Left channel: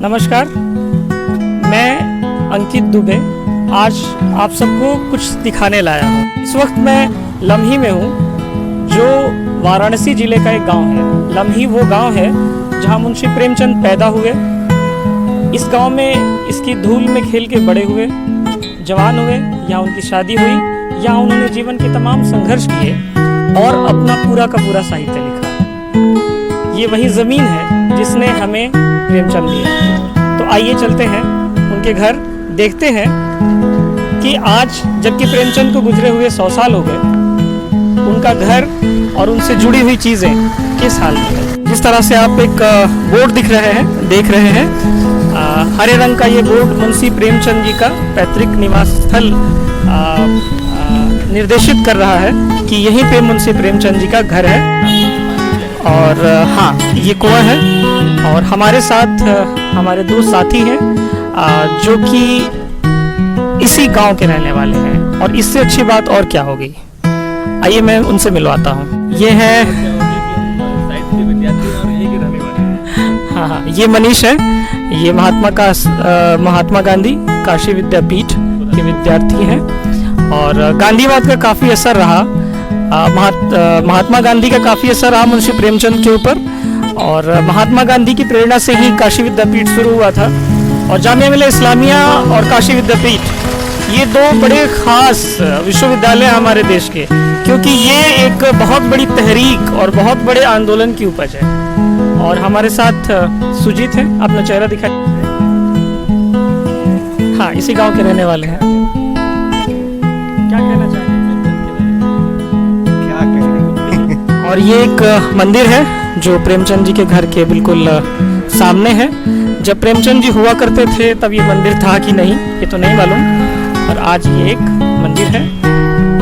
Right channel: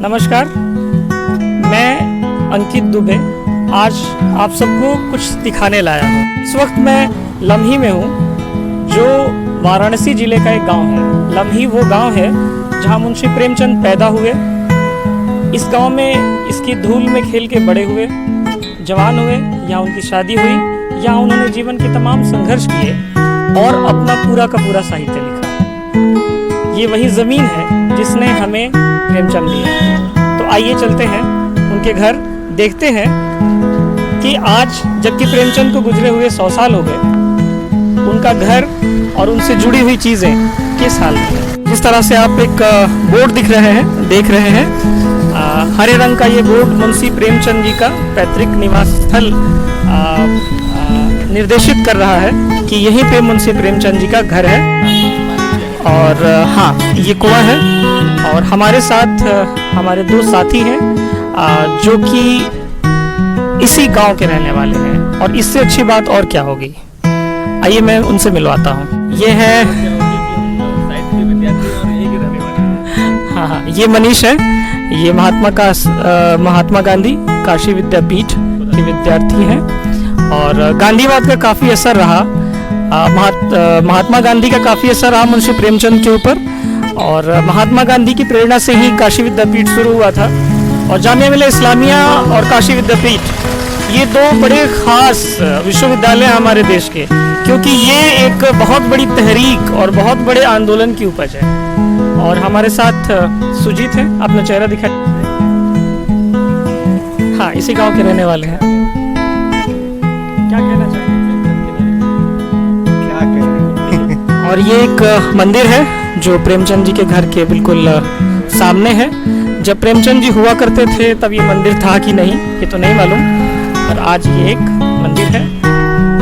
नमस्कार, मैं अंकित दुबे आज आप सबको कुछ दिखाने लाया हूँ। इस वक्त मैं लम्ही में हूँ, जो वाराणसी ज़िले का एक गांव है। लम्ही वो गांव है जहाँ मुंशी प्रेमचंद पैदा हुए। इस गांव में इसकी धूल में खेल के बड़े हुए, जवान हुए, यहाँ उनकी शादी हुई, यहाँ उन्होंने जीवन के तमाम संघर्ष किए और अपना पूरा का पूरा साहित्य लिखा। ये वही ज़मीन है जिसने हमें प्रेमचंद दिया। तो आइए चलते हैं उनके घर, देखते हैं कि आज जबकि प्रेमचंद को गुजरे हुए 100 साल हो गए, उनका घर और उनसे जुड़ी हुई चीज़ें किस हाल में है। जिस तरह से आप एक बोर्ड देख रहे हैं, हरे रंग का ये बोर्ड मुंशी प्रेमचंद जी का पैतृक निवास स्थल निर्देशित कर रहा है कि यहीं पे मुंशी प्रेमचंद जी का घर है। और हाँ, ये कुआं है और हमारे साथ हमारे दो साथी हैं जो कि इसी गांव के रहने वाले हैं, और इससे अच्छी बात और क्या होगी। आइए मैं उनसे मिलवाता हूँ। ये है क्या होगी कि हम साहित्य के विद्यार्थी हैं और यहीं के रहने वाले हैं। हाँ, ये मनीष है। ये महात्मा गांधी काशी विद्यापीठ के विद्यार्थी हैं और गांधीवाद का काफ़ी असर रहा, महात्मा गांधी का काफ़ी असर रहा मुंशी प्रेमचंद के ऊपर। और महात्मा गांधी की प्रेरणा से ही काशी विद्यापीठ शुरू हुआ था। और जामिया मिल्लिया इस्लामिया और काशी विद्यापीठ, ये दो बड़े ख़ास विश्वविद्यालय हैं हमारे देश के, क्योंकि ये एक बहुत बड़ी तहरीक और बहुत बड़े आंदोलन की उपज है। और हमारे साथ सुजीत हैं, अपना चेहरा दिखाइए। हाँ, इसी गांव के रहने वाले हैं। क्या कहना चाहेंगे प्रेमचंद के बारे में? क्या कहें। और ये एक मंदिर है जो प्रेमचंद जी के घर के बिल्कुल सामने है। जब प्रेमचंद जी हुआ करते थे तब ये मंदिर था कि नहीं, ये तो नहीं मालूम, और आज ये एक मंदिर है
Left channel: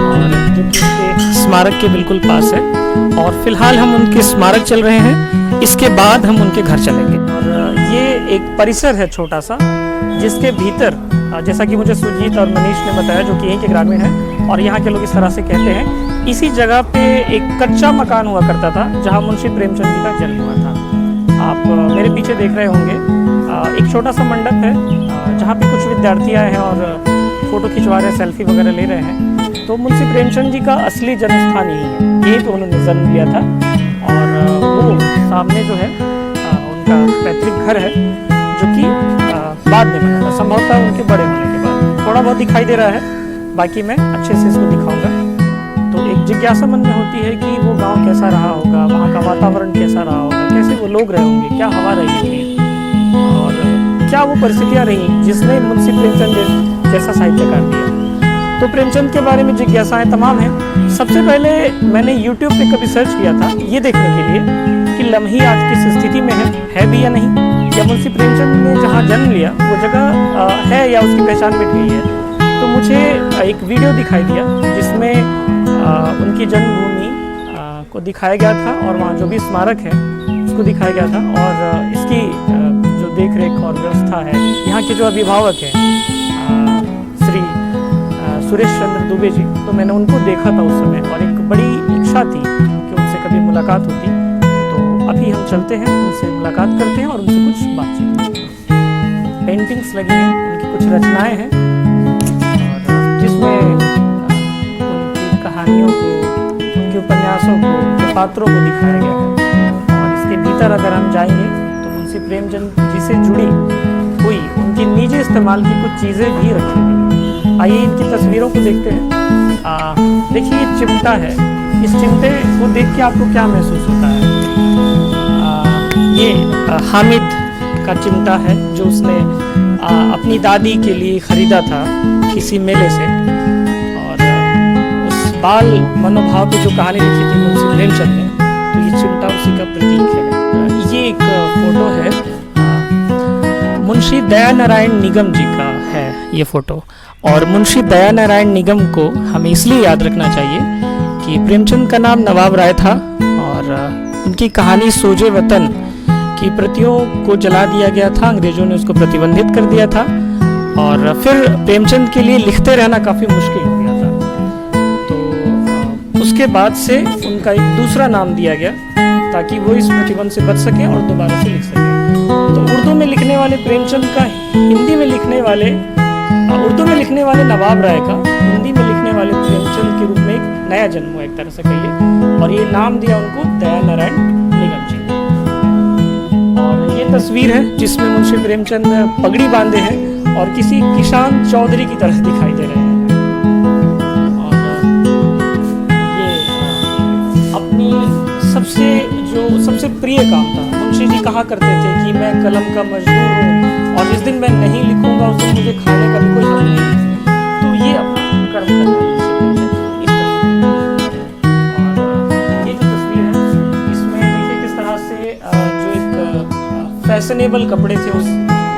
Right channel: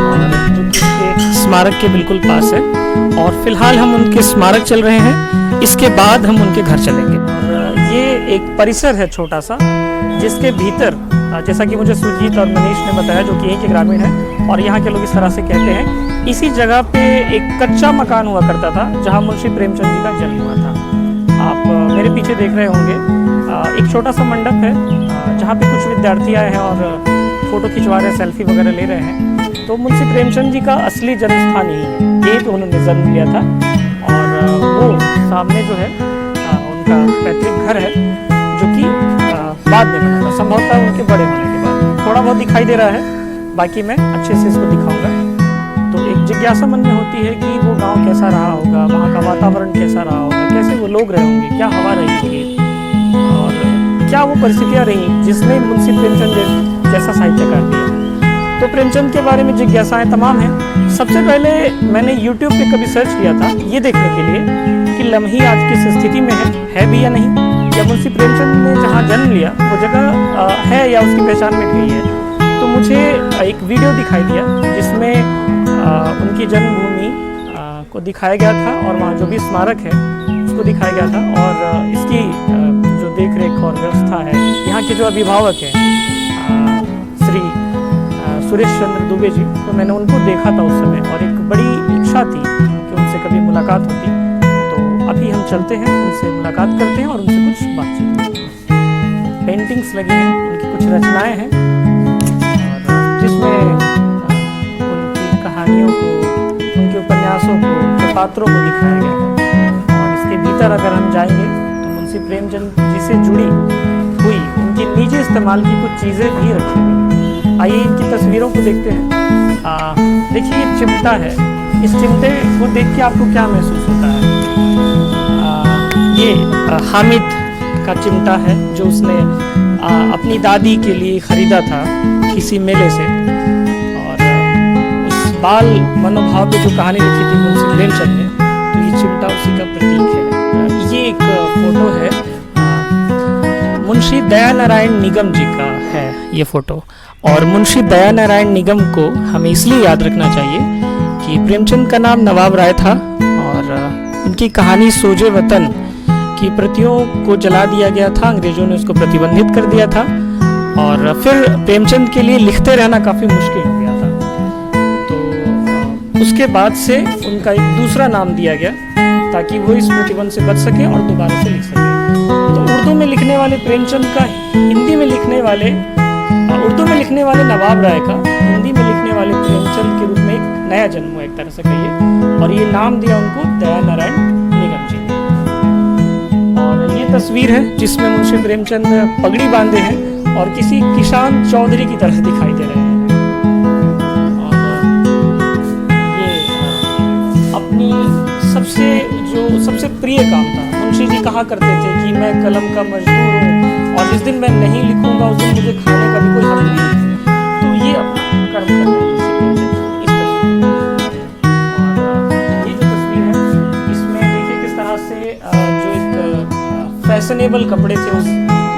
और जो कि उनके स्मारक के बिल्कुल पास है। और फिलहाल हम उनके स्मारक चल रहे हैं, इसके बाद हम उनके घर चलेंगे। और ये एक परिसर है छोटा सा, जिसके भीतर जैसा कि मुझे सुजीत और मनीष ने बताया, जो कि यहीं के ग्रामीण हैं और यहाँ के लोग इस तरह से कहते हैं, इसी जगह पे एक कच्चा मकान हुआ करता था जहाँ मुंशी प्रेमचंद जी का जन्म हुआ था। आप मेरे पीछे देख रहे होंगे, एक छोटा सा मंडप है जहाँ पे कुछ विद्यार्थी आए हैं और फ़ोटो खिंचवा रहे हैं, सेल्फी वगैरह ले रहे हैं। तो मुंशी प्रेमचंद जी का असली जन्म स्थान यही है, यहीं पे उन्होंने जन्म लिया था। और वो सामने जो है उनका पैतृक घर है, जो कि बाद में बना था, संभवतः उनके बड़े होने के बाद। थोड़ा बहुत दिखाई दे रहा है, बाकी मैं अच्छे से इसको दिखाऊंगा। तो एक जिज्ञासा मन में होती है कि वो गांव कैसा रहा होगा, वहाँ का वातावरण कैसा रहा होगा, कैसे वो लोग रहे होंगे, क्या हवा रही होगी और क्या वो परिस्थितियाँ रहीं जिसने मुंशी प्रेमचंद जैसा साहित्यकार दिया। तो प्रेमचंद के बारे में जिज्ञासाएँ तमाम हैं। सबसे पहले मैंने यूट्यूब पे कभी सर्च किया था ये देखने के लिए कि लम्ही आज किस स्थिति में है भी या नहीं, या मुंशी प्रेमचंद ने जहाँ जन्म लिया वो जगह है या उसकी पहचान मिट गई है। तो मुझे एक वीडियो दिखाई दिया जिसमें उनकी जन्मभूमि को दिखाया गया था और वहाँ जो भी स्मारक है उसको दिखाया गया था। और इसकी जो देख रेख और व्यवस्था है, यहाँ के जो अभिभावक हैं श्री सुरेश चंद्र दुबे जी, तो मैंने उनको देखा था उस समय और एक बड़ी इच्छा थी कि उनसे कभी मुलाकात होती। तो अभी हम चलते हैं, उनसे मुलाकात करते हैं और उनसे कुछ बातचीत करते हैं। पेंटिंग्स लगी हैं, उनकी कुछ रचनाएं हैं और जिसमें उनकी कहानियों को, उनके उपन्यासों को, उनके पात्रों को दिखाया गया है। और इसके भीतर अगर हम जाएंगे तो मुंशी प्रेमचंद जी से जुड़ी हुई उनकी निजी इस्तेमाल की कुछ चीज़ें भी रखी हुई हैं। आइए इनकी तस्वीरों को देखते हैं। देखिए, ये चिमटा है। इस चिमटे को देख के आपको क्या महसूस होता है? ये हामिद का चिमटा है जो उसने अपनी दादी के लिए ख़रीदा था किसी मेले से। और उस बाल मनोभाव पे जो कहानी लिखी थी मुंशी प्रेमचंद ने, तो ये चिमटा उसी का प्रतीक है। ये एक फ़ोटो है मुंशी दयानारायण निगम जी का है ये फ़ोटो। और मुंशी दयानारायण निगम को हमें इसलिए याद रखना चाहिए कि प्रेमचंद का नाम नवाब राय था और उनकी कहानी सोजे वतन की प्रतियों को जला दिया गया था, अंग्रेज़ों ने उसको प्रतिबंधित कर दिया था। और फिर प्रेमचंद के लिए लिखते रहना काफ़ी मुश्किल हो गया था। तो उसके बाद से उनका एक दूसरा नाम दिया गया ताकि वो इस प्रतिबंध से बच सके और दोबारा से लिख सके। तो उर्दू में लिखने वाले प्रेमचंद का हिंदी में लिखने वाले उर्दू में लिखने वाले नवाब राय का हिंदी में लिखने वाले प्रेमचंद के रूप में एक नया जन्म हुआ, एक तरह से कहिए, और ये नाम दिया उनको दया नारायण निगम जी ने। और ये तस्वीर है जिसमें मुंशी प्रेमचंद पगड़ी बांधे हैं और किसी किसान चौधरी की तरह दिखाई दे रहे हैं। और ये अपनी सबसे प्रिय काम था। मुंशी जी कहा करते थे कि मैं कलम का मजदूर हूँ और जिस दिन मैं नहीं लिखूंगा उस दिन मुझे खाने का भी कोई हक नहीं है। तो ये अपना कर्म कर रहे हैं मुंशी प्रेमचंद इस तस्वीर में। और ये जो तस्वीर है इसमें देखिए किस तरह से जो एक फैशनेबल कपड़े थे उस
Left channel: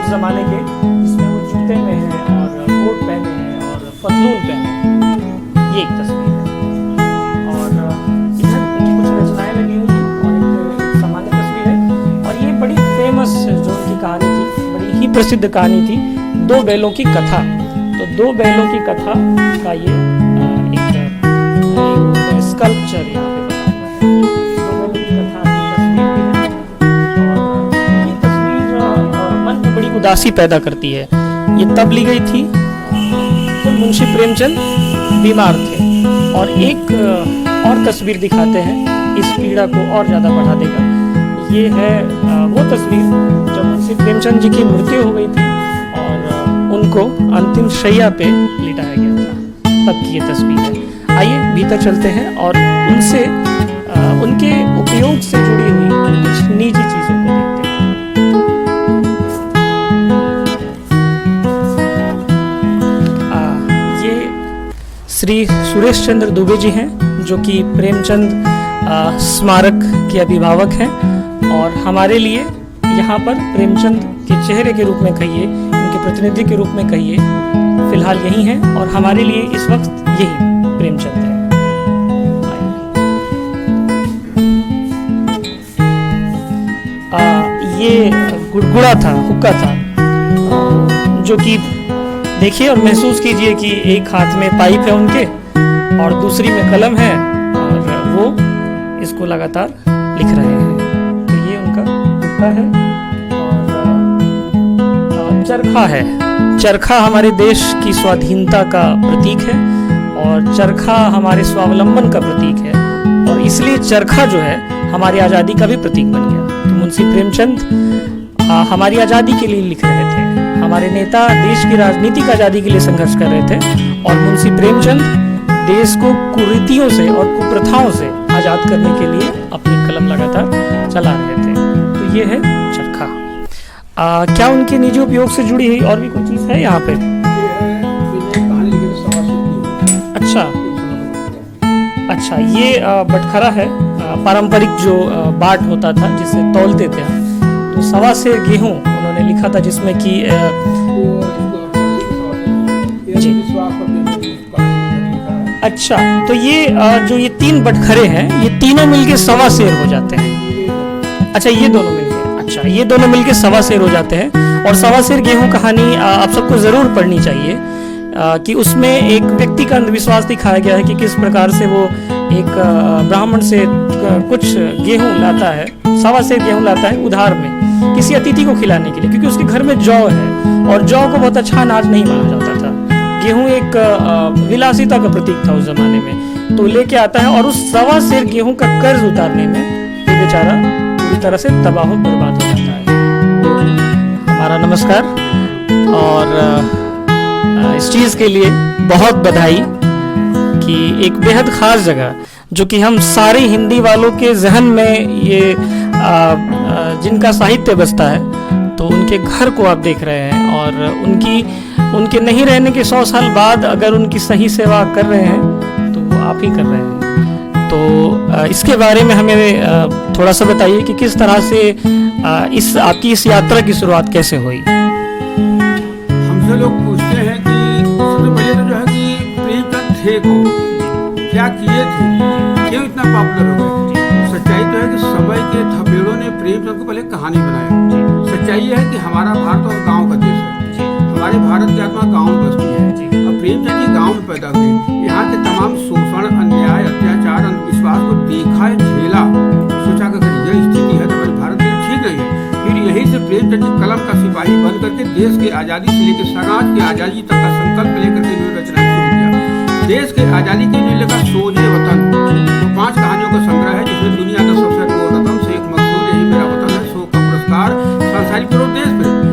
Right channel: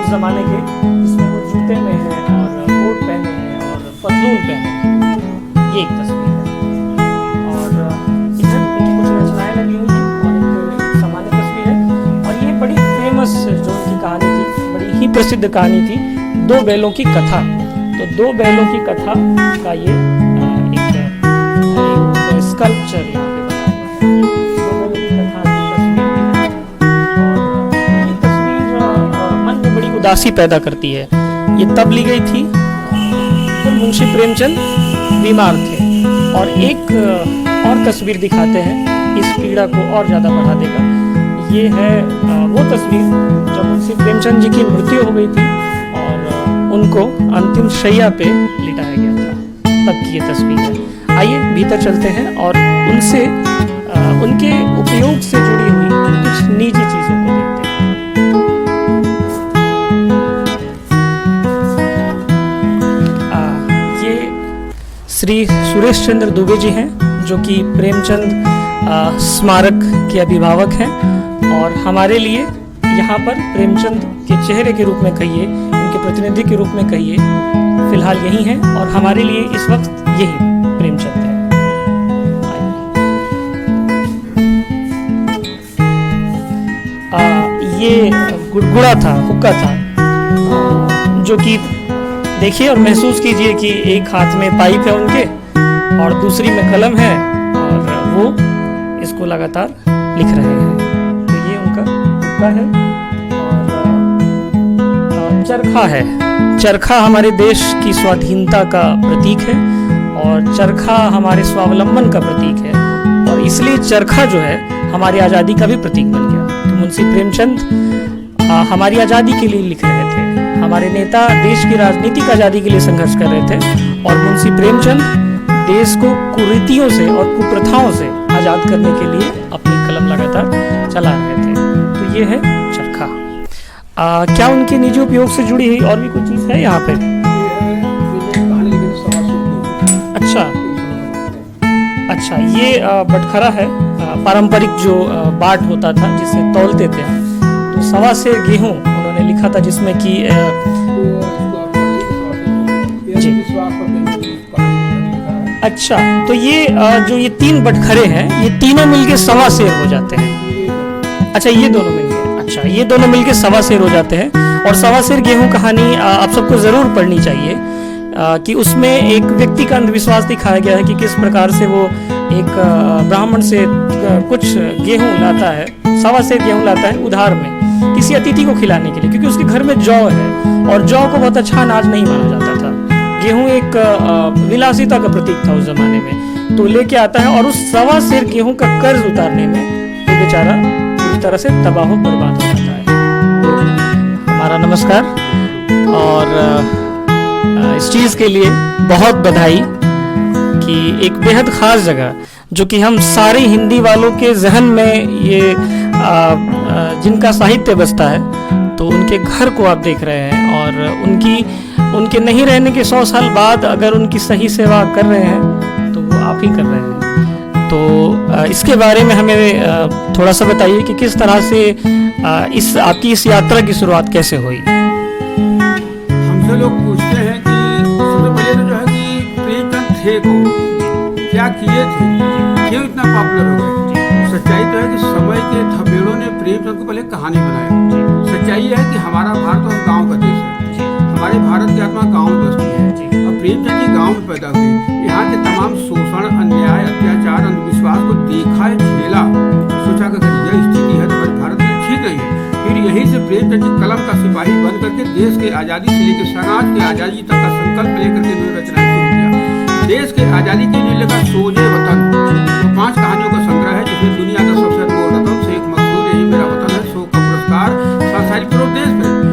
ज़माने के, जिसमें वो जूते में हैं और कोट पहने हैं और पतलून पहने हैं, ये एक तस्वीर है। और इधर उनकी कुछ रचनाएं लगी हुई हैं और एक सामान्य तस्वीर है। और ये बड़ी फेमस जो उनकी कहानी थी, बड़ी ही प्रसिद्ध कहानी थी, दो बैलों की कथा। तो दो बैलों की कथा का ये एक स्कल्पचर यहाँ पे बना हुआ है। दो बैलों की कथा की तस्वीर भी है और ये तस्वीर मन में बड़ी उदासी पैदा करती है। ये तब ली गई थी जब मुंशी प्रेमचंद बीमार थे। और एक और तस्वीर दिखाते हैं, इस पीड़ा को और ज़्यादा बढ़ा देगा। ये है वो तस्वीर जब मुंशी प्रेमचंद जी की मृत्यु हो गई थी और उनको अंतिम शैया पे लिटाया गया था, तब की ये तस्वीर है। आइए भीतर चलते हैं और उनसे उनके उपयोग से जुड़ी हुई कुछ निजी चीज़ों को देखते हैं। ये श्री सुरेश चंद्र दुबे जी हैं जो कि प्रेमचंद स्मारक के अभिभावक हैं और हमारे लिए यहाँ पर प्रेमचंद के चेहरे के रूप में कहिए, उनके प्रतिनिधि के रूप में कहिए, फिलहाल यही हैं और हमारे लिए इस वक्त यही प्रेमचंद है। ये गुड़गुड़ा था, हुक्का था, जो कि देखिए और महसूस कीजिए कि एक हाथ में पाइप है उनके और दूसरी में कलम है और वो इसको लगातार लिख रहे हैं। तो ये उनका हुक्का है। और चरखा है। चरखा हमारे देश की स्वाधीनता का प्रतीक है और चरखा हमारे स्वावलंबन का प्रतीक है और इसलिए चरखा जो है हमारी आज़ादी का भी प्रतीक बन गया। तो मुंशी प्रेमचंद हमारी आज़ादी के लिए लिख रहे थे। हमारे नेता देश की राजनीतिक आज़ादी के लिए संघर्ष कर रहे थे और मुंशी प्रेमचंद देश को कुरीतियों से और कुप्रथाओं से आज़ाद करने के लिए अपनी कलम लगातार चला रहे थे। तो ये है चरखा। क्या उनके निजी उपयोग से जुड़ी हुई और भी कोई चीज़ है यहाँ पर? ये है कहानी लिखी थी सवा सूत गेहूं। अच्छा, ये बटखरा है, पारंपरिक जो बाट होता था जिससे तौलते थे हम। तो सवा से गेहूं उन्होंने लिखा था जिसमें कि इसको आप कर लीजिए तो सवा से हो गया। जी। विश्वास पर प्रेमचंद ने इस कहानी को जब लिखा है। अच्छा, तो ये जो ये तीन बटखरे हैं ये तीनों मिलके सवा शेर हो जाते हैं। अच्छा, ये दोनों मिलके, अच्छा ये दोनों मिलके सवा शेर हो जाते हैं। और सवा शेर गेहूं कहानी आप सबको ज़रूर पढ़नी चाहिए कि उसमें एक व्यक्ति का अंधविश्वास दिखाया गया है कि किस प्रकार से वो एक ब्राह्मण से कुछ गेहूं लाता है, सवा शेर गेहूं लाता है उधार में किसी अतिथि को खिलाने के लिए, क्योंकि उसके घर में जौ है और जौ को बहुत अच्छा अनाज नहीं माना जाता था। गेहूं एक विलासिता का प्रतीक था उस जमाने में। तो लेके आता है और उस सवा शेर गेहूं का कर्ज उतारने में वो बेचारा पूरी तरह से तबाह बर्बाद हो जाता है। वो हमारा नमस्कार और इस चीज़ के लिए बहुत बधाई कि एक बेहद ख़ास जगह जो कि हम सारे हिंदी वालों के जहन में ये जिनका साहित्य बसता है, तो उनके घर को आप देख रहे हैं और उनके नहीं रहने के 100 साल बाद अगर उनकी सही सेवा कर रहे हैं तो वो आप ही कर रहे हैं। तो इसके बारे में हमें थोड़ा सा बताइए कि किस तरह से आपकी इस यात्रा की शुरुआत कैसे हुई? हमसे लोग पूछते हैं कि सबसे पहले तो जो है कि प्रेमचंद थे कौन, जी, क्या किए थे, जी, क्यों इतना पॉपुलर हो गए। जी, सच्चाई तो है कि समय के थपेड़ों ने प्रेमचंद को पहले कहानी बनाया। जी, सच्चाई यह है कि हमारा भारत और गांव का देश है। जी, हमारे भारत की आत्मा गांव में बसती है। जी। अब प्रेमचंद जी गांव में पैदा हुए, यहाँ के तमाम शोषण, अन्याय, अत्याचार, अंधविश्वास को देखा, झेला, सोचा कि अगर यह स्थिति है तो हमारे भारत के लिए ठीक नहीं है, फिर यहीं से प्रेमचंद जी कलम का सिपाही बन करके देश के आज़ादी से लेकर समाज के आज़ादी तक का संकल्प लेकर के इन्होंने रचनाएं शुरू किया। देश के आज़ादी के इन्होंने लिखा सोजे वतन, वो 5 कहानियों का संग्रह है जिसमें दुनिया का सबसे अनमोल रतन, शेख मकसूद, यही मेरा वतन है, शो का पुरस्कार, सांसारिक प्रेम, देश प्रेम।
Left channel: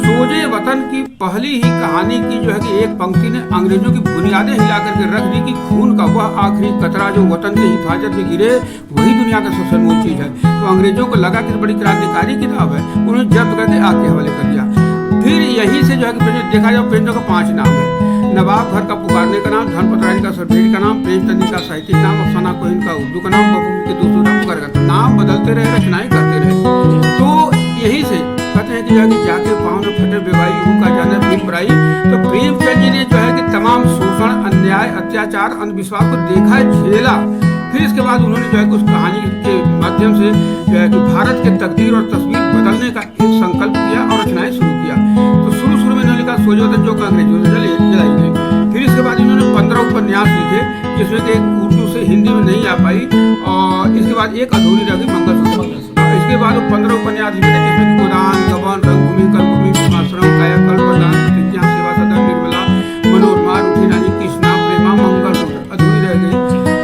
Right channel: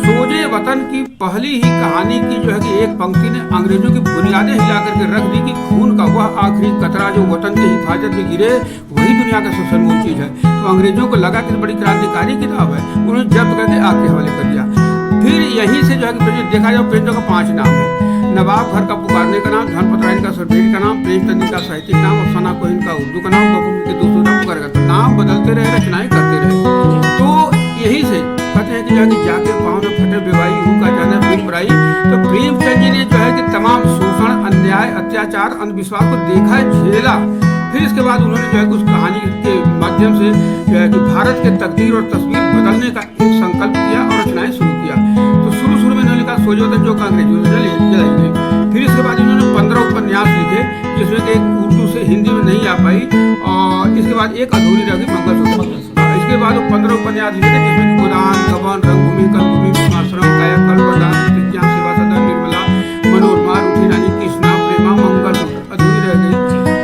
सोजे वतन की पहली ही कहानी की जो है कि एक पंक्ति ने अंग्रेजों की बुनियादें हिला करके रख दी कि खून का वह आखिरी कतरा जो वतन के हिफाजत में गिरे वही दुनिया का सबसे अनमोल चीज है। तो अंग्रेजों को लगा कि बड़ी क्रांतिकारी किताब है, उन्होंने जब्त करके आग के हवाले कर दिया। फिर यहीं से जो है कि देखा जाए प्रेमचंद का 5 नाम है। नवाब घर का पुकारने का नाम, धनपत राय का सर्वेट का नाम, प्रेमचंद का साहित्यिक नाम, अफसाना कोहिन का उर्दू का नाम, बबू के दोस्तों का पुकार का। तो नाम बदलते रहे, रचनाएं करते रहे। तो यहीं से कहते हैं कि जो है कि जाके पाँव न फटे बेवाई हु का जाने फिर बराई। तो प्रेमचंद जी ने जो है कि तमाम शोषण, अन्याय, अत्याचार, अंधविश्वास को देखा, झेला। फिर इसके बाद उन्होंने जो है कि उस कहानी के माध्यम से जो है कि भारत के तकदीर और तस्वीर बदलने का एक संकल्प किया और रचनाएं शुरू किया। तो शुरू में इन्होंने लिखा सोजे वतन जो अंग्रेजों से जलाई गई। फिर इसके बाद इन्होंने 15 उपन्यास लिखे जिसमें कि एक उर्दू से हिंदी में नहीं आ पाई, और इसके बाद एक अधूरी रह गई मंगलसूत्र। इसके बाद वो 15 उपन्यास लिखे थे जिसमें कि गोदान, गबन, रंगभूमि, कर्मभूमि, प्रेमाश्रम, कायाकल्प, वरदान, प्रतिज्ञा, सेवा सदन, निर्मला, मनोरमा, रूठी रानी, कृष्णा, प्रेमा, मंगलसूत्र अधूरी रह गई।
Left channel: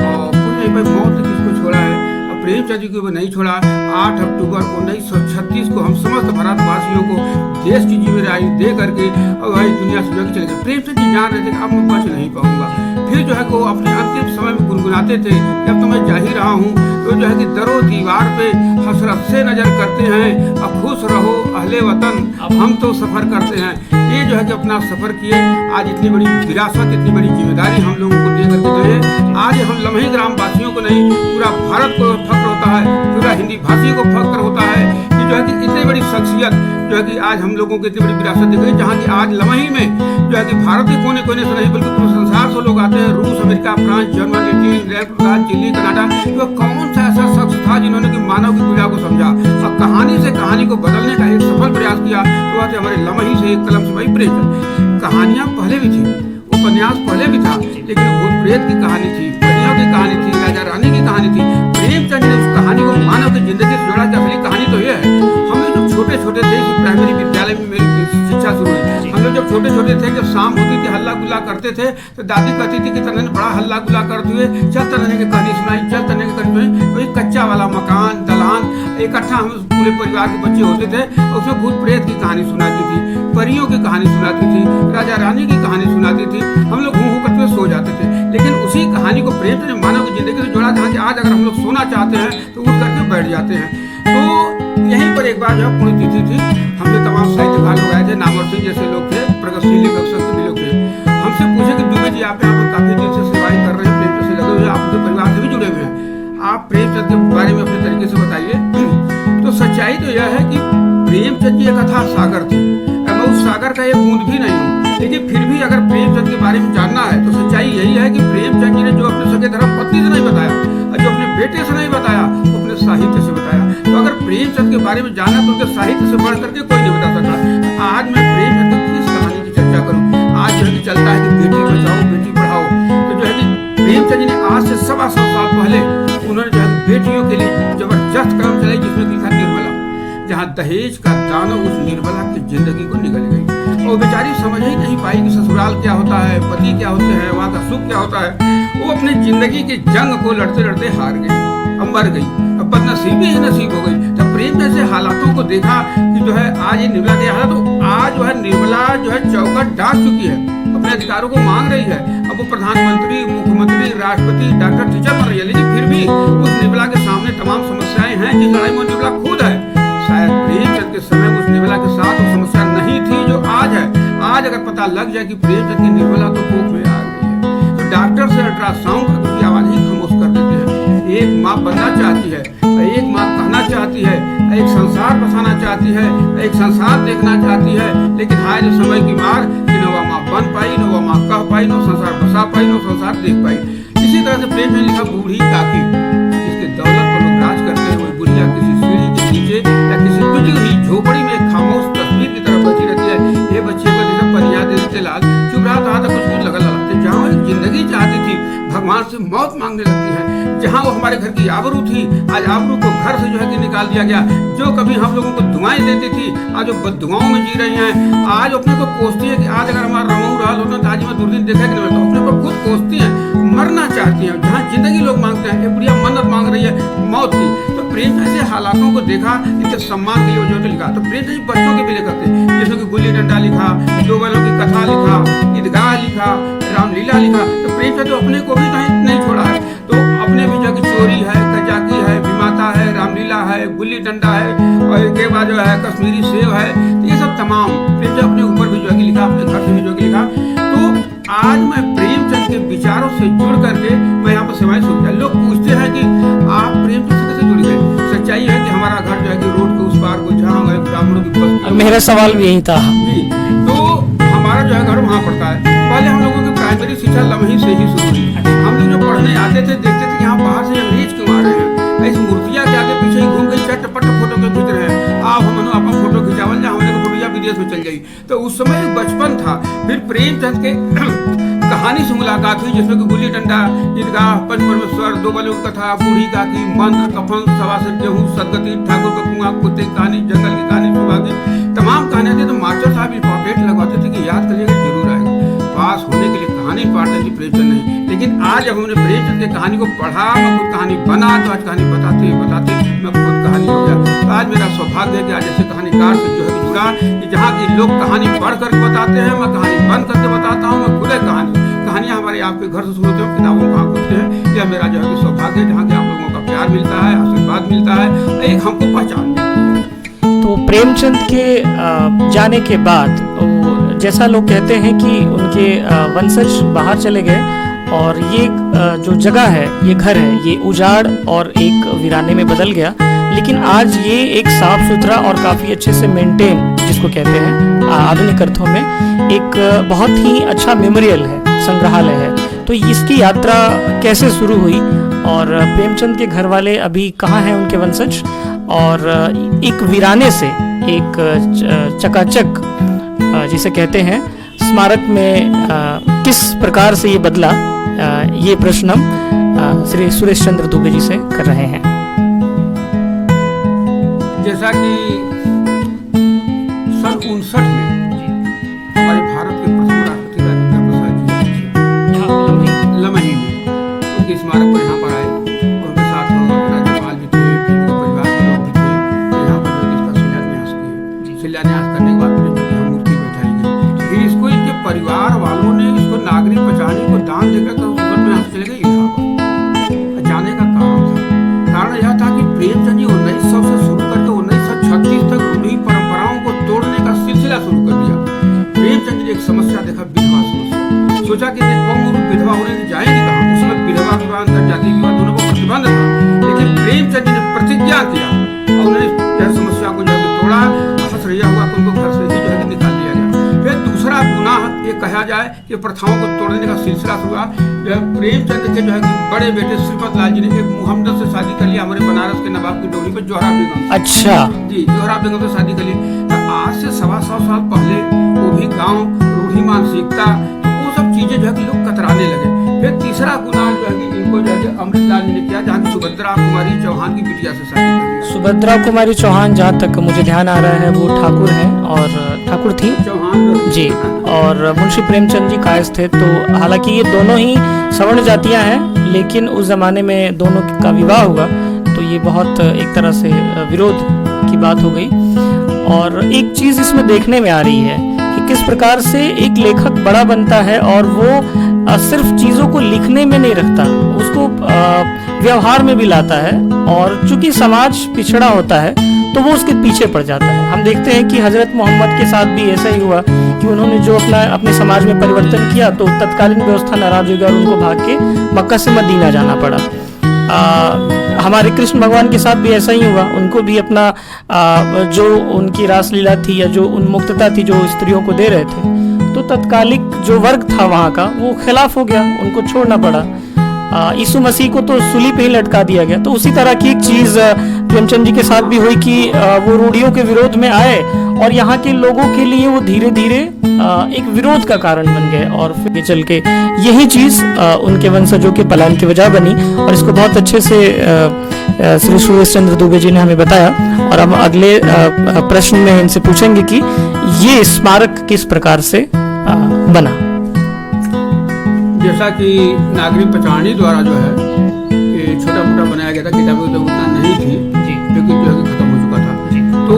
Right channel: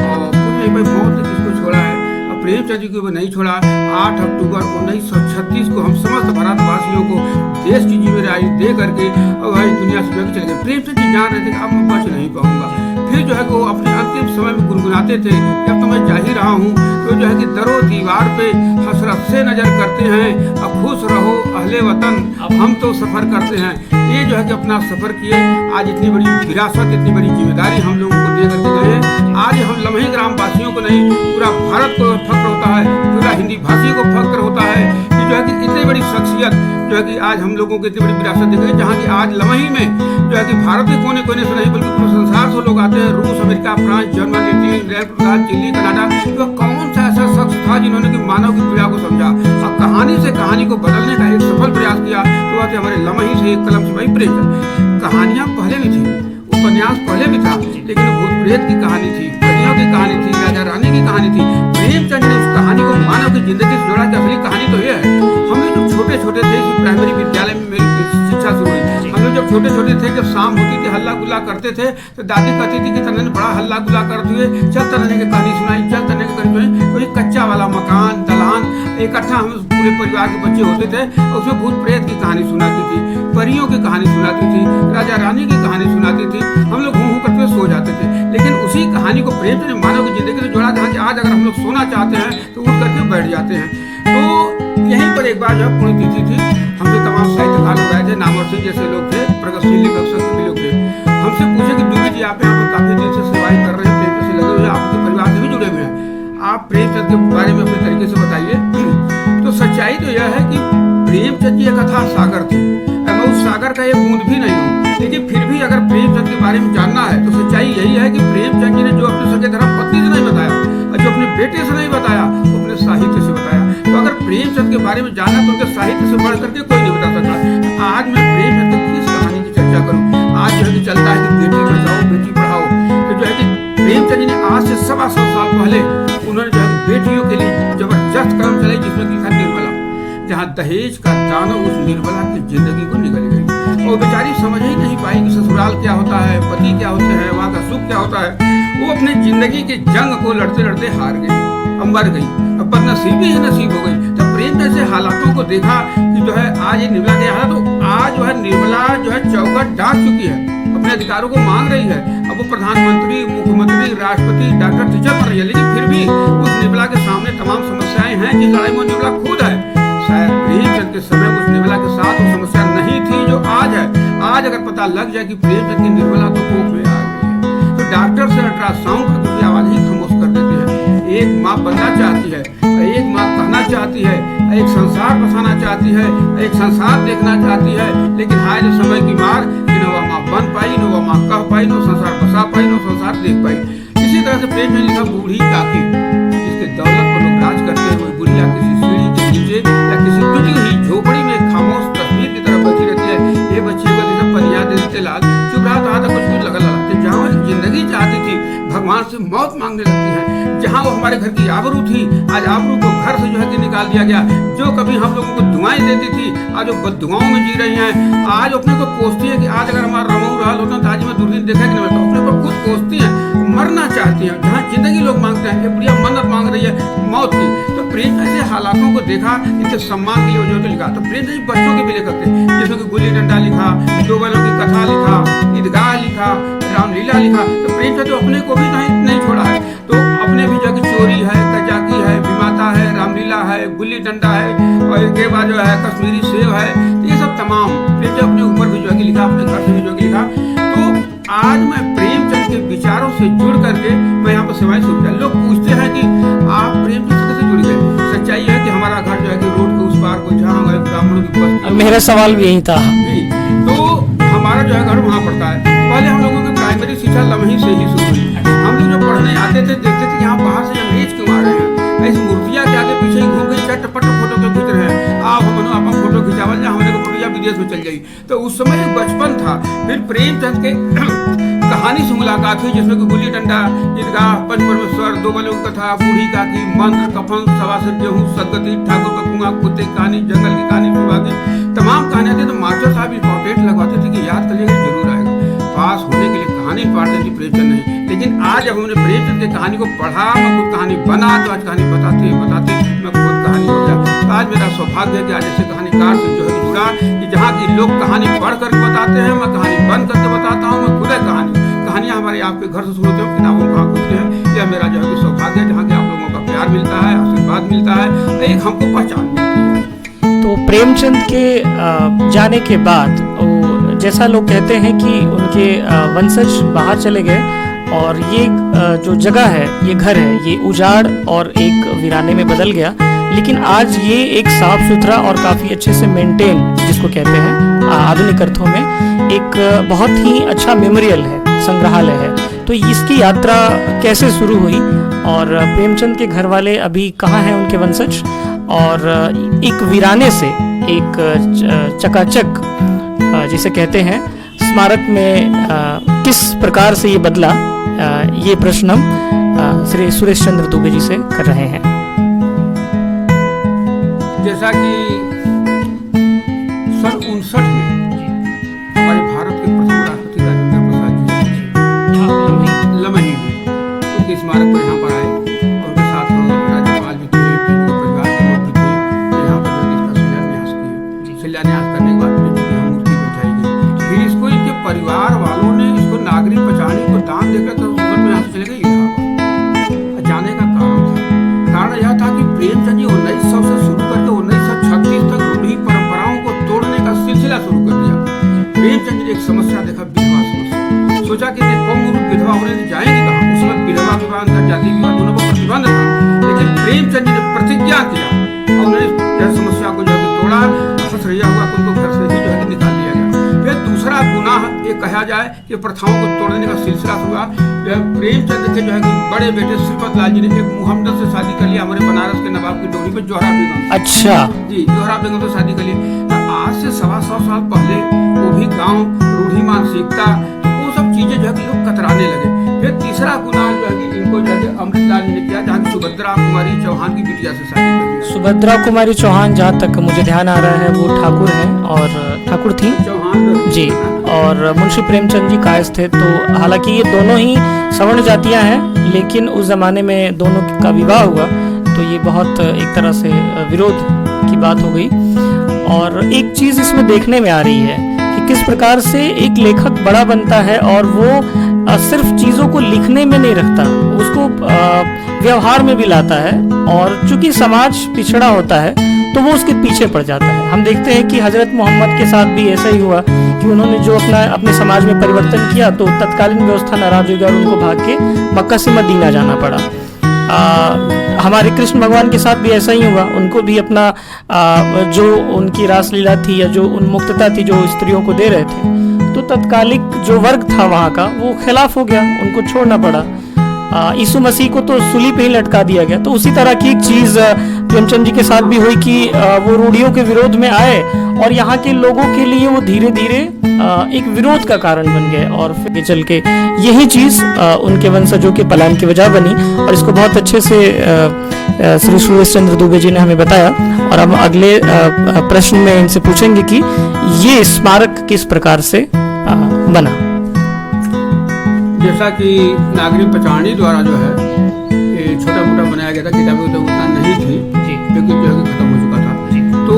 और पुण्य भाई मौत ने किसको छोड़ा है? अब प्रेमचंद जी को वो नहीं छोड़ा। 8 अक्टूबर 1936 को हम समस्त भारतवासियों को देश की जिम्मेदारी दे करके और भाई दुनिया से जो है चले गए। प्रेमचंद जी जान रहे थे कि अब मैं बच नहीं पाऊंगा। फिर जो है कि वो अपने अंतिम समय में गुनगुनाते थे कि अब तो मैं जा ही रहा हूँ। तो जो है कि दरो दीवार पे हसरत से नजर करते हैं, अब खुश रहो अहले वतन, हम तो सफर करते हैं। ये जो है कि अपना सफर किए। आज इतनी बड़ी विरासत, इतनी बड़ी जिम्मेदारी हम लोगों को दे करके गए हैं। आज हम लम्हे ग्राम वासियों को नहीं, पूरा भारत को फक्र होता है, पूरा हिंदी भाषी को फक्र होता है कि जो है कि इतनी बड़ी शख्सियत जो है कि आज हम लोगों को इतनी बड़ी विरासत दी गई, जहाँ की आज लम्हे में जो है कि भारत के कोने कोने से नहीं बल्कि पूरे संसार से लोग आते हैं। रूस, America, France, Germany, Italy, England, Chile, Canada. तो कौन सा ऐसा शख्स था जिन्होंने कि मानव की पीड़ा को समझा और कहानी से कहानी को बदलने का एक सफल प्रयास किया? तो वह थे हमारे लम्हे से एक कलम सिपाही प्रेमचंद। कहानियां पहले भी थी, उपन्यास पहले भी था, लेकिन भूत प्रेत की कहानी थी, परियों की कहानी थी, राजा रानी की कहानी थी। प्रेमचंद ने उस कहानी को मानव की जिंदगी से जोड़ा कि असली कहानी तो यह है। हम लोग जब छोटे छोटे थे, इसी प्राइमरी विद्यालय में मेरी शिक्षा शुरू हुई। हम लोग जब छोटे छोटे थे, जब शाम होती थी हल्ला गुल्ला करते थे, तो दादी कहती थी कि तन्ने ने बड़ा हल्ला गुल्ला करते हुए चल तन्ने की कहानी सुनाई, चल तन्ने की कहानी सुनाई। तो एक कच्चा वाला मकान, दलान, इकट्ठा हम पूरे परिवार के बच्चे होते थे और उसमें भूत प्रेत की कहानी सुनाती थी, परियों की कहानी सुनाती थी, राजा रानी की कहानी सुनाती थी। हम लोग हूँ करते हुए सो जाते थे। लेकिन उसी कहानी को प्रेमचंद ने मानव की जिंदगी से जोड़ा, जहाँ कि आज अगर हम लोग सोना चाहते हैं तो उठ करके बैठ जाते हैं। तो यहीं पर एक बार जो है पुण्यतिथि थी, हमसे तमाम साहित्यकार लोग आए थे, नामवर सिंह जैसे लोग थे, प्रगतिशील लेखक संघ के भी लोग थे। हमसे पूछे कि दुबे जी आप यहाँ पर काफी दिन से सेवाएं कर रहे हैं, प्रेमचंद से लगे हुए हैं, आप उनके परिवार से भी जुड़े हुए हैं, आप प्रेमचंद के बारे में अपने तरीके से बताइए। तो सच्चाई तो यह है कि प्रेमचंद जी एक अथाह सागर थे। मैं उस सागर का एक बूंद भी नहीं हूँ, लेकिन फिर भी अगर प्रेमचंद के बारे में जानना है तो सच्चाई यही है कि प्रेमचंद जी ने जो अपने सगे धर्म पत्नी से नहीं बताया और जो अपने बेटे से नहीं बताया, वो अपने साहित्य से बताया। तो अगर प्रेमचंद के बारे में जानना तो उनके साहित्य से बढ़ करके कोई नहीं बता सकता। तो आज मैं प्रेमचंद की किस कहानी की चर्चा करूँ? आज जो है कि चलता है कि बेटी बचाओ बेटी पढ़ाओ। तो जो है कि प्रेमचंद जी ने आज से 125 साल पहले उन्होंने जो है कि बेटियों के लिए जबरदस्त कदम चलाई, जिसमें लिखा निर्मला, जहाँ दहेज का दाना उस निर्मला की जिंदगी को निगल गई और बेचारी समझ ही नहीं पाई कि ससुराल क्या होता है, पति क्या होते हैं, वहाँ का सुख क्या होता है। वो अपनी जिंदगी के जंग को लड़ते लड़ते हार गई, अब मर गई, अब बदनसीबी ही नसीब हो गई। जब प्रेम जैसे हालातों को देखा कि जो है आज ये निर्मला के हालात, तो आज जो है निर्मला जो है चौखट डांट चुकी है, अपने अधिकारों को मांग रही है। अब वो प्रधानमंत्री, मुख्यमंत्री, राष्ट्रपति, डॉक्टर, टीचर बन रही है, लेकिन फिर भी उस निर्मला के सामने तमाम समस्याएं हैं जिस लड़ाई में निर्मला खुद है। शायद प्रेमचंद के समय उस निर्मला के साथ वो समस्या नहीं थी जो आज है। आज अगर पता लग जाए कि प्रेमचंद की निर्मला तो कोख में आ गई है, तो डॉक्टर से अल्ट्रासाउंड का उसकी आवाज ही खामोश कर देते हैं। एक माँ बनना चाहती है, एक माँ कहना चाहती है, एक संसार बसाना चाहती है, एक संसार देखना चाहती है, लेकिन हाय जो समय की मार कि न वह माँ बन पाई, न वह माँ कह पाई, न संसार बसा पाई, न संसार देख पाई। इसी तरह से प्रेमचंद लिखा बूढ़ी काकी। जिसके दौलत पर लोग राज करते हैं, वो बुढ़िया किसी सीढ़ी के नीचे या किसी टूटी हुई झोपड़ी में एक खामोश तस्वीर की तरह बैठी रहती है। ये बच्चे को जैसे पनिया दे देते लाल, चुप रहा तो आता कुछ लगा लगा। तो जहाँ एक जिंदगी चाहती थी, भगवान से मौत मांगने लगती है। जहाँ वो हमारे घर की आबरू थी, आज आबरू को घर से जो है कि निकाल दिया गया। जो कभी हम लोगों को दुआएं देती थी, आज वो बददुआओं में जी रही हैं। आज अपने को कोसती है कि आज अगर हमारा रमऊ रहल होता तो आज मैं दुर्दिन देखा कि नहीं मिलता। अपने को खुद कोसती हैं, मरना चाहती हैं। जहाँ जिंदगी लोग मांगते हैं, एक बुढ़िया मन्नत मांग रही है मौत की। तो प्रेमचंद से हालातों को देखा, इनके सम्मान के लिए वो जो के लिखा। तो प्रेमचंद बच्चों के भी लेखक थे, जिसमें कि गुल्ली डंडा लिखा, दो बैलों की कथा लिखा, ईदगाह लिखा, रामलीला लिखा। तो प्रेमचंद तो अपने को भी नहीं छोड़ा है। तो अपने भी जो कि चोरी है, कजाकी है, विमाता है, रामलीला है, गुल्ली डंडा है, और इसके बाद जो है कश्मीरी सेव है। तो ये सब तमाम प्रेमचंद अपने ऊपर भी जो है कि लिखा, अपने घर से भी जो है कि लिखा। तो आज मैं प्रेमचंद के विचारों से जुड़ करके मैं यहाँ पर सेवाएं शुरू किया। लोग पूछते हैं कि आप प्रेमचंद से कैसे जुड़ गए। सच्चाई है कि हमारा घर जो है कि रोड के उस पार गोईठा, हमारे ब्राह्मणों की बस्ती। मेरा सवाल भी यही था जी। तो हमारा जो है घर वहाँ पड़ता है। पहले हम लोगों की प्राइमरी शिक्षा लम्ही से ही शुरू हुई। हम लोग जो पढ़ने आते थे, देखते थे कि यहाँ बाहर से अंग्रेज क्यों आ रहे हैं, ऐसी मूर्तियाँ के आगे पीछे ही घूम के चटपट फोटो क्यों खींच रहे हैं। आप हम अपन फोटो खिंचावल जा, हमने को फोटो विदेश में चल जाई। तो उस समय एक बचपन था। फिर प्रेमचंद के कहानी से मुलाकात हुई, जिसमें कि गुल्ली डंडा, ईदगाह, पंच परमेश्वर, दो बैलों की कथा, बूढ़ी काकी, मंत्र, कफन, सवा से गेहूं, सदगति, ठाकुर का कुआं, कुत्ते की कहानी, जंगल की कहानी, सुबह की तमाम कहानियां थी। तो मास्टर साहब इंपॉर्टेंट लगवाते थे कि याद करिएगा जरूर आएगा। पास होने के लिए कहानी इंपॉर्टेंट थी, प्रेमचंद नहीं। लेकिन आज जब हमने प्रेमचंद की कहानी को पढ़ा, मैं खुद कहानी बना, तो आज कहानी बताते बताते मैं खुद कहानी हो गया। तो आज मेरा सौभाग्य है कि आज ऐसे कहानीकार से जो है कि जुड़ा, कि जहाँ की लोग कहानी पढ़ करके बताते हैं, मैं कहानी बंद करके बताता हूँ। मैं खुद कहानियाँ हमारे आपके घर से शुरू होते हैं, किताबों कहाँ खोजते हैं। यह मेरा जो है कि सौभाग्य है, जहाँ की आप लोगों का प्यार मिलता है, आशीर्वाद मिलता है, और एक हमको पहचान मिलती है। तो प्रेमचंद के जाने के बाद जैसा लोग कहते हैं कि उनके वंशज बाहर चले गए और ये जो जगह है, ये घर है, ये उजाड़ और एक वीराने में बदल गया। लेकिन आज ये एक साफ सुथरा और काफ़ी अच्छे से मेंटेन, जिसको कहते हैं आधुनिक अर्थों में, एक बहुत ही अच्छा मेमोरियल है, संग्रहालय है। तो इसकी यात्रा कैसे शुरू हुई और प्रेमचंद के घर वाले अभी कहाँ हैं, उनके वंशज, और एक वीराने से एक चकाचक जिसे कहते हैं स्मारक में किस प्रकार से ये बदला, ये प्रश्न हम श्री सुरेश चंद्र दुबे जी से कर रहे हैं। जैसा कि सन 59 में हमारे भारत के प्रथम राष्ट्रपति राजेंद्र प्रसाद जी आए थे, यहाँ लम्ही में उसके स्मारक पर यहाँ पर आए, और उनके साथ राज्यपाल भी थे, प्रेमचंद के परिवार के लोग भी थे। तो यहाँ पर जो है कि इसका शिलान्यास किए। शिलान्यास करने के बाद प्रेमचंद की हम मूर्ति बैठाई गई। फिर इसको इनके परिवार वालों ने इसको नागरिक पचानी को दान देकर सूरत में यहाँ से चले गए इलाहाबाद। जाने का कारण यह था कि प्रेमचंद जी 1900 से शुरू करके 1936 तक रूढ़ी परंपराओं को तोड़ने का सिलसिला शुरू कर दिया। प्रेमचंद जी ने एक समस्या देखा, विधवा समस्या। सोचा कि कौम विधवा होने जाएंगी कहाँ। उस समय विधवा विवाह, अंतरजातीय विवाह दोनों पर प्रतिबंध था। लेकिन प्रेमचंद जी ने प्रतिज्ञा किया और उन्होंने जो समस्या को जो है कि तोड़ा। हंस रहा हुआ तो उनको घर से ही जो है कि निकाल दिया गया। फिर दूसरा गुनाह ये कहा जाए कि प्रथाओं को तोड़ने का सिलसिला शुरू हुआ। जो है प्रेमचंद के जो है कि बड़े बेटे श्रीपत लाल जी ने एक मुहम्मद से शादी कर लिया, हमारे बनारस के नवाब की डोरी पे, जोहरा बेगम। अच्छा जी, जोहरा बेगम से शादी कर ली। तो आज से 125 साल पहले वो भी गांव, रूढ़ी मानसिकता, तो वो सब चीजें जो है कि लोग कतराने लगे। फिर तीसरा गुनाह जो है कि इनको जो है कि अमृतलाल जी ने किया, जहाँ की सुभद्रा कुमारी चौहान की बिटिया से शादी कर लिया। सुभद्रा कुमारी चौहान, जहाँ तक मुझे ध्यान आ रहा है, वो ठाकुर हैं और ठाकुर थी चौहान जी, और मुंशी प्रेमचंद जी कायस्थ थे। तो हालांकि ये दोनों ही सवर्ण जातियां हैं, लेकिन उस जमाने में दोनों का विवाह हुआ, तो ये बहुत एक तरह से विरोध की बात हो गई। और एक चीज इसमें देखने में आ रही है कि किस प्रकार से एक लेखक बड़ा बनता है और वो सिर्फ चीजों को लिखने में नहीं रखता, उसको व्यवहार में भी लाता है। और चूंकि समाज पिछड़ा होता है तो वो उसके पीछे पड़ जाता है। हम देखते हैं कि हजरत मोहम्मद के साथ भी ऐसा ही हुआ कि उन्होंने जो अपने समाज में परिवर्तन किया, तो तत्कालीन व्यवस्था नाराज हो गई और उनको भाग के मक्का से मदीना जाना पड़ा। हमारे कृष्ण भगवान के साथ भी ऐसा ही हुआ। उनको भी अपना जो उनकी रासलीला थी या जो उन्मुक्तता थी जो स्त्रियों को दे रहे थे, तो तत्कालिक जो वर्ग था वहाँ का, वो खिलाफ हो गया, उनको छोड़ना पड़ा। यीशु मसीह को तो सूली पे ही लटका दिया गया। तो उसी तरह की एक चीज प्रेमचंद जी के साथ भी हुई कि वो रूढ़ियों के विरोध में आए और यहाँ के लोगों के लिए वो धीरे धीरे एक विरोध का कारण बन गए और फिर चल के यही चीज उनके वंशजों के पलायन की वजह बनी। और इसको बहुत अच्छे से श्री सुरेश चंद्र दुबे जी ने हमें बताया। और हम अगले प्रश्न में इनसे पूछेंगे कि ये स्मारक किस प्रकार से बना। जैसा कि नागरिक पचानी द्वारा जो है ये छोटा मोटा बनाया गया था, किताबें तो उतना नहीं थी जी, लेकिन जो है कि खत्म हो चुका था जी। तो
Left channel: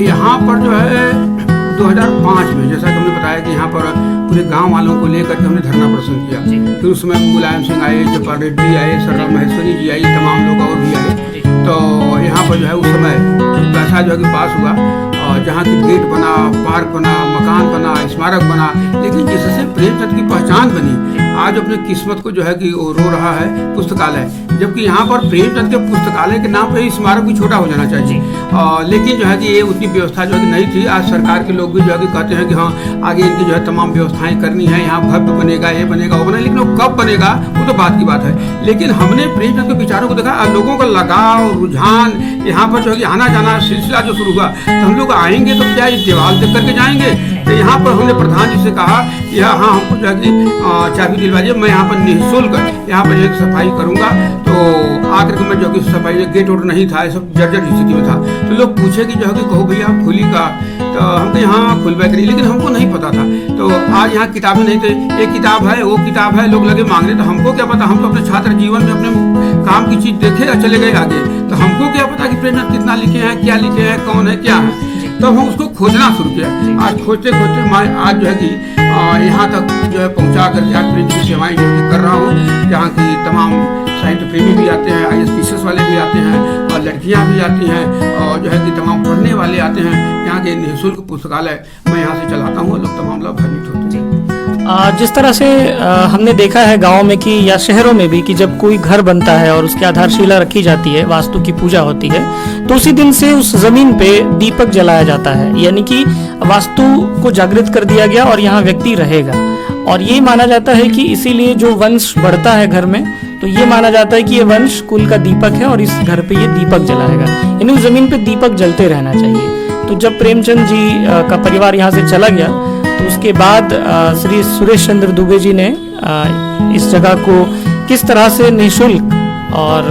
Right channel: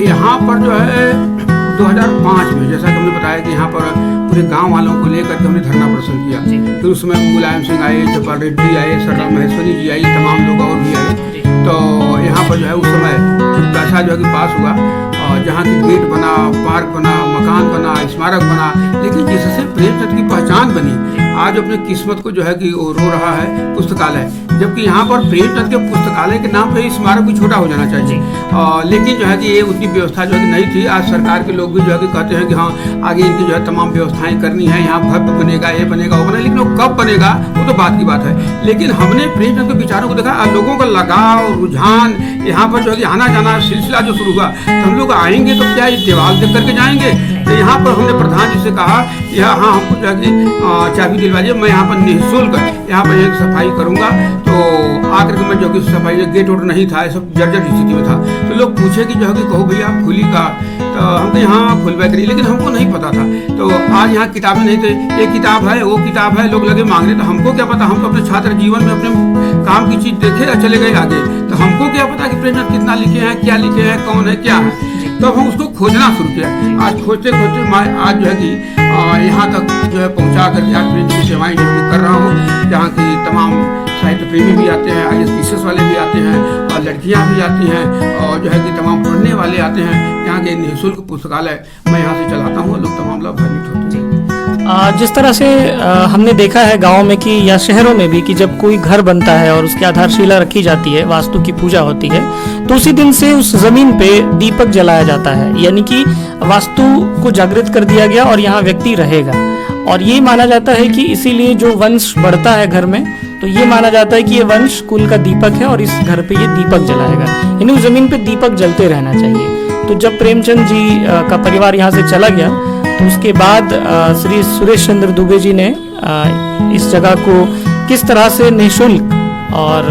यहाँ पर जो है 2005 में जैसा कि हमने बताया कि यहाँ पर पूरे गांव वालों को लेकर के हमने धरना प्रदर्शन किया। फिर उसमें मुलायम सिंह आए, जयपाल रेड्डी आए, सरला महेश्वरी जी आई, तमाम लोग और भी आए। तो यहाँ पर जो है उस समय कुछ पैसा जो है कि पास हुआ और जहाँ की गेट बना, पार्क बना, मकान बना, स्मारक बना, लेकिन जिससे प्रेमचंद की पहचान बनी आज अपनी किस्मत को जो है कि वो रो रहा है पुस्तकालय। जबकि यहाँ पर प्रेमचंद के पुस्तकालय के नाम पे स्मारक भी छोटा हो जाना चाहिए। लेकिन जो है कि ये उतनी व्यवस्था जो है कि नहीं थी। आज सरकार के लोग भी जो है कि कहते हैं कि हाँ आगे इनकी जो है तमाम व्यवस्थाएं करनी है, यहाँ भव्य बनेगा, ये बनेगा, वो बनेगा, लेकिन वो कब बनेगा वो तो बात की बात है। लेकिन हमने प्रेमचंद के विचारों को देखा, लोगों का लगाव, रुझान, यहाँ पर जो है कि आना जाना सिलसिला जो शुरू हुआ। तो हम लोग आएंगे तो क्या इस दीवार देख करके जाएंगे? तो यहाँ पर हमने प्रधान जी से कहा कि हाँ हमको जो है कि चाबी दिलवाइए, मैं यहाँ पर निःशुल्क यहाँ पर एक सफाई करूँगा। तो आकर के मैं जो कि सफाई, गेट वोट नहीं था, सब जर्जर स्थिति में था। तो लोग पूछे कि जो है कि कहो भैया आप खुली का, तो हम कहे हाँ खुलवा करिए, लेकिन हमको नहीं पता था। तो आज यहाँ किताबें नहीं थे, एक किताब है, वो किताब है, लोग लगे मांगने। तो हमको क्या पता, हम तो अपने छात्र जीवन में अपने काम की चीज देखे और चले गए आगे। तो हमको क्या पता कि प्रेमचंद कितना लिखे हैं, क्या लिखे हैं, कौन है, क्या है। तब हम उसको खोजना शुरू किया। आज खोजते खोजते मैं आज जो है कि यहाँ तक जो है पहुँचा करके आज प्रेमचंद की सेवाएं जो है कि कर रहा हूँ, जहाँ की तमाम साहित्य प्रेमी भी आते हैं, ISPCS वाले भी आते हैं और लड़कियां भी आती हैं और जो है कि तमाम पढ़ने वाले आते हैं। यहाँ के निःशुल्क पुस्तकालय मैं यहाँ से चलाता हूँ, लोग तमाम लाभान्वित होते हैं। जिस तरह से हमने देखा है गाँव में कि या शहरों में भी कि जब कोई घर बनता है और उसकी आधारशिला रखी जाती है, वास्तु की पूजा होती है, तो उसी दिन से उस जमीन पे दीपक जलाया जाता है, यानी कि वास्तु को जागृत कर दिया गया और यहाँ व्यक्ति रहेगा। और ये माना जाता है कि इसीलिए जो वंश बढ़ता है घर में, तो ये माना जाता है कि ये वंश कुल का दीपक है और इस घर पे ये दीपक जलाएगा, यानी उस जमीन पे दीपक जलते रहना चाहिए। तो जब प्रेमचंद जी का परिवार यहाँ से चला गया तो उसके बाद श्री सुरेश चंद्र दुबे जी ने इस जगह को किस तरह से निःशुल्क और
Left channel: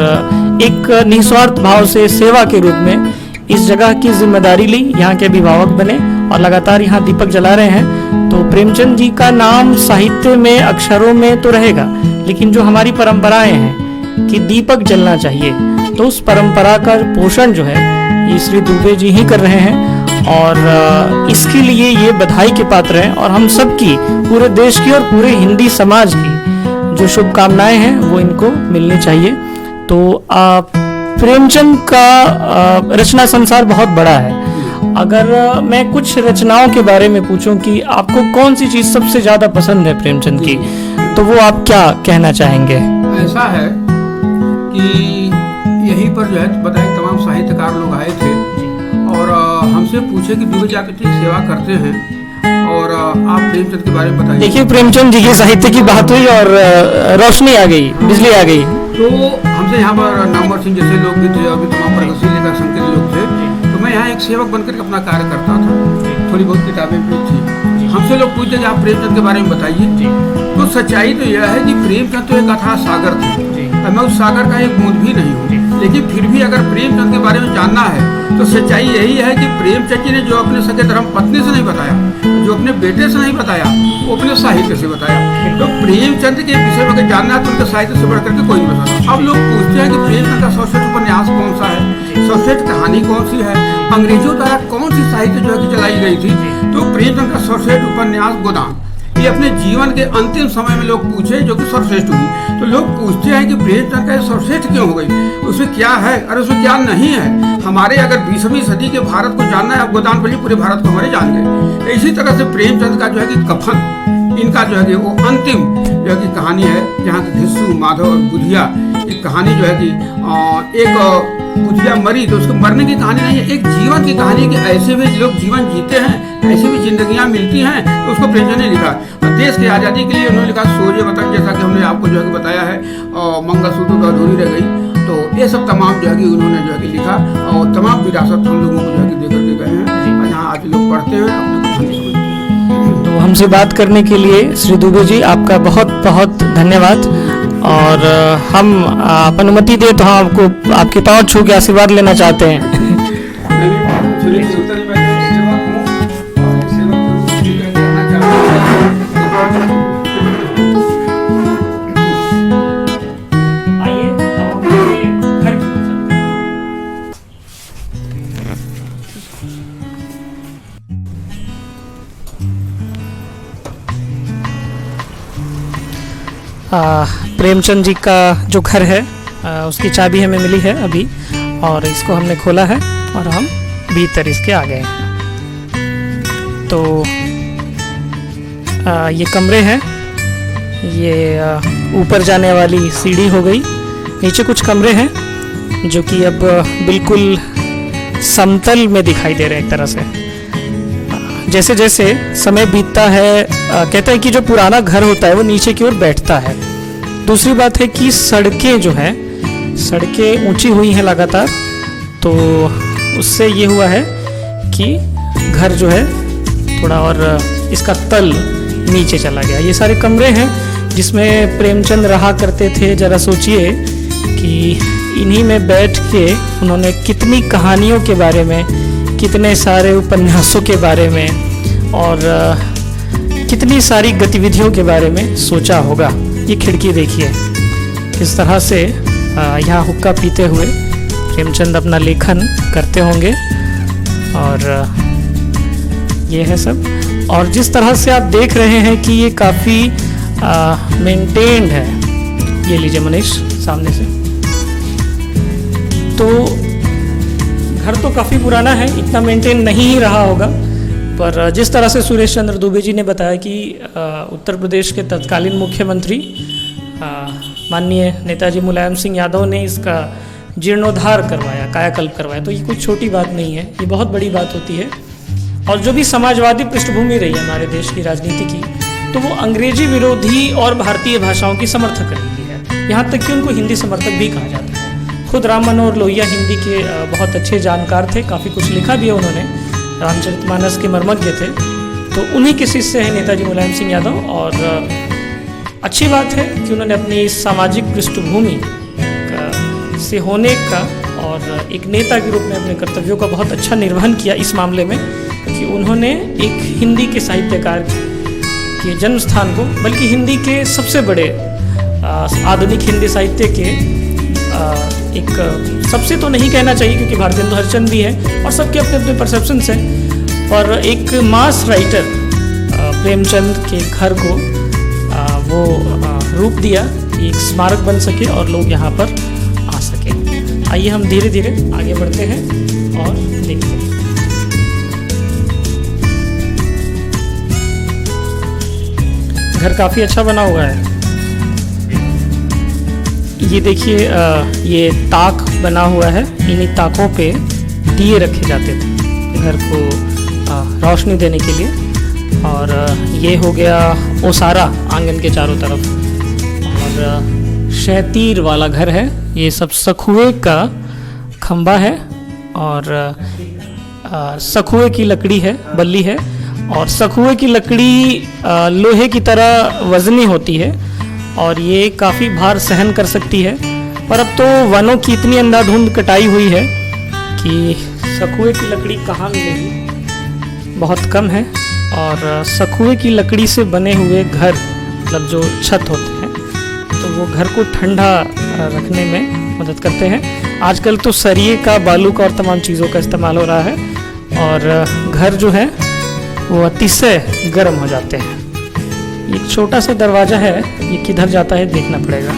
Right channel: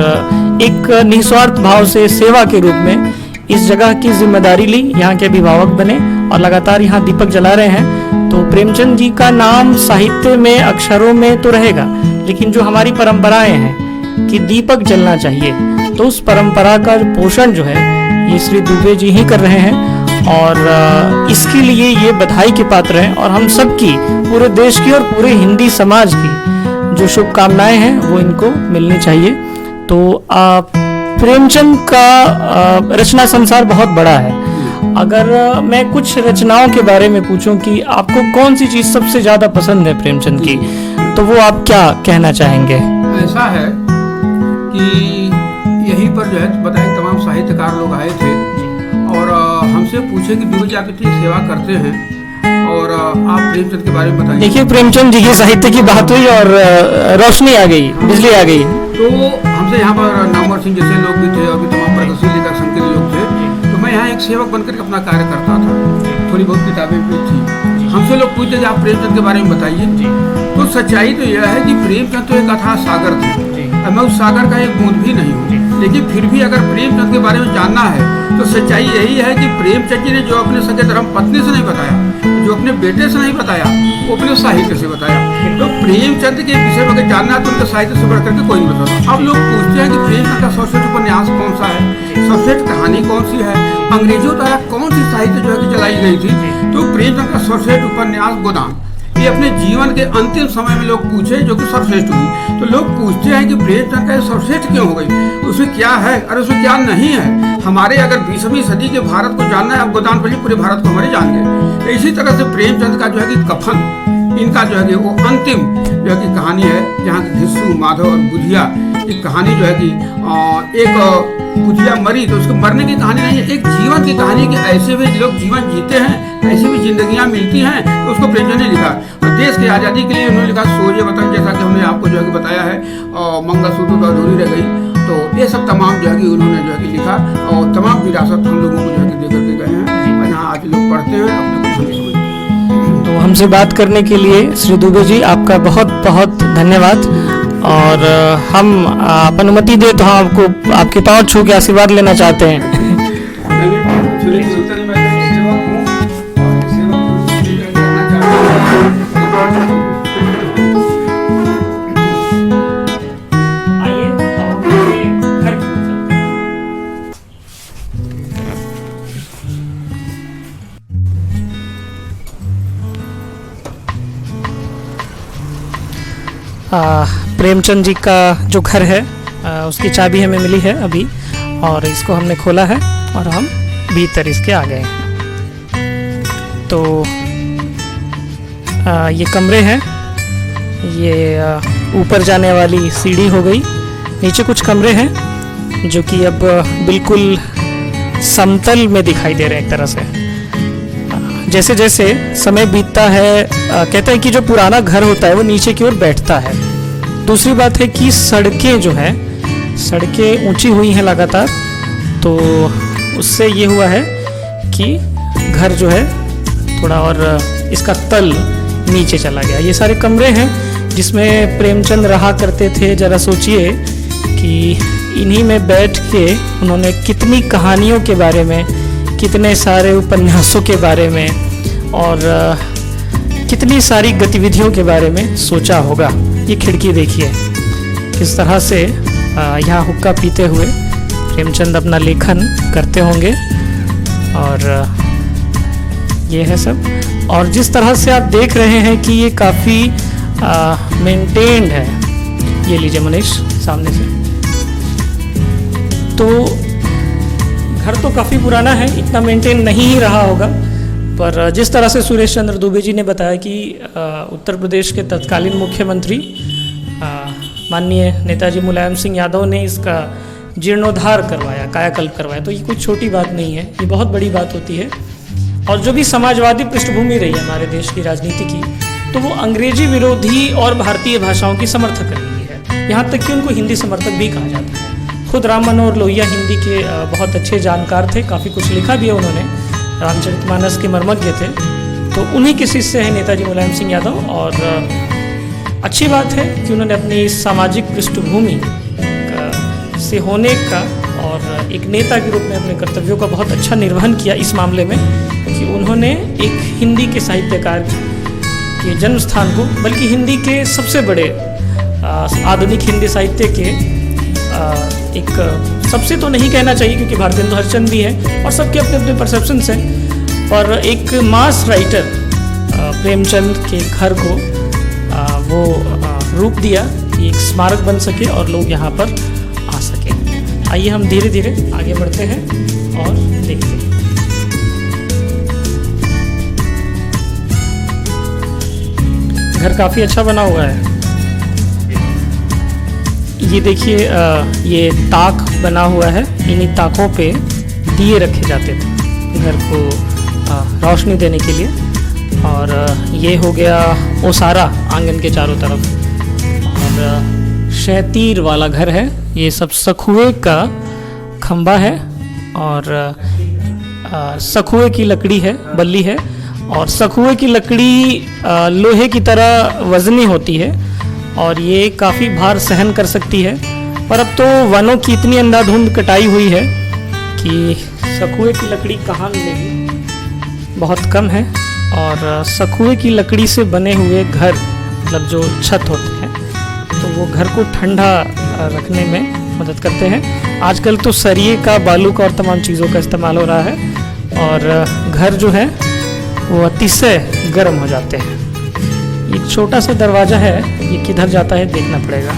एक निस्वार्थ भाव से सेवा के रूप में इस जगह की जिम्मेदारी ली, यहाँ के अभिभावक बने और लगातार यहाँ दीपक जला रहे हैं। तो प्रेमचंद जी का नाम साहित्य में, अक्षरों में तो रहेगा, लेकिन जो हमारी परंपराएं हैं कि दीपक जलना चाहिए, तो उस परंपरा का पोषण जो है ये श्री दुबे जी ही कर रहे हैं। और इसके लिए ये बधाई के पात्र हैं और हम सबकी, पूरे देश की और पूरे हिंदी समाज की जो शुभकामनाएं हैं वो इनको मिलनी चाहिए। तो प्रेमचंद का रचना संसार बहुत बड़ा है। अगर मैं कुछ रचनाओं के बारे में पूछूं कि आपको कौन सी चीज सबसे ज्यादा पसंद है प्रेमचंद की, तो वो आप क्या कहना चाहेंगे? ऐसा है कि यहीं पर जो है बताया तमाम साहित्यकार लोग आए थे जी। और हमसे पूछे कि दुबे जी आप इतनी सेवा करते हैं और आप प्रेमचंद के बारे में बताइए। देखिए प्रेमचंद जी के साहित्य की बात हुई और रोशनी आ गई, बिजली आ गई। तो हमसे यहाँ पर नामवर सिंह जैसे लोग भी थे और भी तमाम प्रगतिशील लेखक संघ के लोग थे। तो मैं यहाँ एक सेवक बनकर अपना कार्य करता था, थोड़ी बहुत किताबें भी थी। हमसे लोग पूछते कि आप प्रेमचंद के बारे में बताइए। तो सच्चाई तो यह है कि प्रेमचंद तो एक अथाह सागर थे और मैं उस सागर का एक बूंद भी नहीं हूँ। लेकिन फिर भी अगर प्रेमचंद के बारे में जानना है तो सच्चाई यही है कि प्रेमचंद जी ने जो अपने सगे धर्म पत्नी से नहीं बताया, जो अपने बेटे से नहीं बताया, वो अपने साहित्य से बताया। तो प्रेमचंद के विषय में अगर जानना है तो उनके साहित्य से बढ़कर के कोई नहीं बताता। अब लोग पूछते हैं कि प्रेमचंद का सर्वश्रेष्ठ उपन्यास कौन सा है, सर्वश्रेष्ठ कहानी कौन सी है, अंग्रेजों द्वारा कौन सी साहित्य जो है कि जलाई गई थी। तो प्रेमचंद का सर्वश्रेष्ठ उपन्यास गोदान, ये अपने जीवन के अंतिम समय में लोग पूछे जो कि सर्वश्रेष्ठ हुई। तो लोग पूछते हैं कि प्रेमचंद का सर्वश्रेष्ठ क्यों हो गई, उसमें क्या है और उसमें क्या नहीं है। हमारे अगर 20वीं सदी के भारत को जानना है, अब गोदान पढ़िए, पूरे भारत को हमारे जान गए। तो इसी तरह से प्रेमचंद का जो है कि कफन, इनका जो है कि वो अंतिम जो है कि कहानी है, जहाँ की धिस्सू, माधव और बुधिया की कहानी जो है कि एक बुधिया मरी तो उसको मरने की कहानी नहीं है, एक जीवन की कहानी कि ऐसे भी लोग जीवन जीते हैं, ऐसे भी जिंदगियां मिलती हैं। तो उसको प्रेमचंद ने लिखा और देश की आज़ादी के लिए उन्होंने लिखा सोजे वतन, जैसा कि हमने आपको जो है कि बताया है, और मंगलसूत्र तो अधूरी रह गई। तो ये सब तमाम जो है कि उन्होंने जो है कि लिखा और तमाम विरासत हम लोगों को जो है कि दे करके गए हैं, और जहाँ आज लोग पढ़ते हैं अपने को धन्य समझते हैं। तो हमसे बात करने के लिए श्री दुबे जी आपका बहुत बहुत धन्यवाद। और हम आप अनुमति दे तो हम आपको आपके पाँव छू के आशीर्वाद लेना चाहते हैं। नहीं, थोड़ी जरूरत नहीं, मैं तो एक सेवक हूँ और एक सेवक के रूप में ही रहना चाहता हूँ। आइए अब हम उनके घर की ओर चलते हैं। प्रेमचंद जी का जो घर है उसकी चाबी हमें मिली है अभी, और इसको हमने खोला है और हम भीतर इसके आ गए हैं। तो ये कमरे हैं, ये ऊपर जाने वाली सीढ़ी हो गई। नीचे कुछ कमरे हैं जो कि अब बिल्कुल समतल में दिखाई दे रहे हैं एक तरह से। जैसे जैसे समय बीतता है, कहते हैं कि जो पुराना घर होता है वो नीचे की ओर बैठता है। दूसरी बात है कि सड़कें जो है, सड़कें ऊंची हुई हैं लगातार, तो उससे ये हुआ है कि घर जो है थोड़ा और इसका तल नीचे चला गया। ये सारे कमरे हैं जिसमें प्रेमचंद रहा करते थे। जरा सोचिए कि इन्हीं में बैठ के उन्होंने कितनी कहानियों के बारे में, कितने सारे उपन्यासों के बारे में और कितनी सारी गतिविधियों के बारे में सोचा होगा। ये खिड़की देखिए किस तरह से यहाँ हुक्का पीते हुए प्रेमचंद अपना लेखन करते होंगे, और ये है सब। और जिस तरह से आप देख रहे हैं कि ये काफ़ी मेंटेन्ड है। ये लीजिए मनीष सामने से। तो घर तो काफ़ी पुराना है, इतना मेंटेन नहीं ही रहा होगा, पर जिस तरह से सुरेश चंद्र दुबे जी ने बताया कि उत्तर प्रदेश के तत्कालीन मुख्यमंत्री माननीय नेताजी मुलायम सिंह यादव ने इसका जीर्णोद्धार करवाया, कायाकल्प करवाया, तो ये कोई छोटी बात नहीं है, ये बहुत बड़ी बात होती है। और जो भी समाजवादी पृष्ठभूमि रही है हमारे देश की राजनीति की, तो वो अंग्रेजी विरोधी और भारतीय भाषाओं की समर्थक रही है। यहाँ तक कि उनको हिंदी समर्थक भी कहा जाता है। खुद राम मनोहर लोहिया हिंदी के बहुत अच्छे जानकार थे, काफ़ी कुछ लिखा भी है उन्होंने, रामचरितमानस के मर्मज्ञ थे। तो उन्हीं के शिष्य हैं नेताजी मुलायम सिंह यादव, और अच्छी बात है कि उन्होंने अपनी सामाजिक पृष्ठभूमि से होने का और एक नेता के रूप में अपने कर्तव्यों का बहुत अच्छा निर्वहन किया इस मामले में, कि उन्होंने एक हिंदी के साहित्यकार के जन्म स्थान को, बल्कि हिंदी के सबसे बड़े आधुनिक हिंदी साहित्य के एक, सबसे तो नहीं कहना चाहिए क्योंकि भारतेंदु हरिश्चंद्र भी है और सबके अपने अपने परसेप्शंस हैं, पर एक मास राइटर प्रेमचंद के घर को वो रूप दिया कि एक स्मारक बन सके और लोग यहाँ पर आ सके। आइए हम धीरे धीरे आगे बढ़ते हैं और देखते हैं। घर काफ़ी अच्छा बना हुआ है। ये देखिए, ये ताक बना हुआ है, इन्हीं ताकों पे दिए रखे जाते थे घर को रोशनी देने के लिए। और ये हो गया ओसारा आंगन के चारों तरफ, और शैतीर वाला घर है। ये सब सखुए का खंबा है और सखुए की लकड़ी है, बल्ली है, और सखुए की लकड़ी लोहे की तरह वजनी होती है और ये काफ़ी भार सहन कर सकती है। पर अब तो वनों की इतनी अंधाधुंध कटाई हुई है कि सखुए की लकड़ी कहाँ मिलेगी, बहुत कम है। और सखुए की लकड़ी से बने हुए घर, मतलब जो छत होते हैं, तो वो घर को ठंडा रखने में मदद करते हैं। आजकल तो सरिये का, बालू का और तमाम चीज़ों का इस्तेमाल हो रहा है, और घर जो है वो अतिशय गर्म हो जाते हैं। एक छोटा सा दरवाज़ा है, ये किधर जाता है देखना पड़ेगा।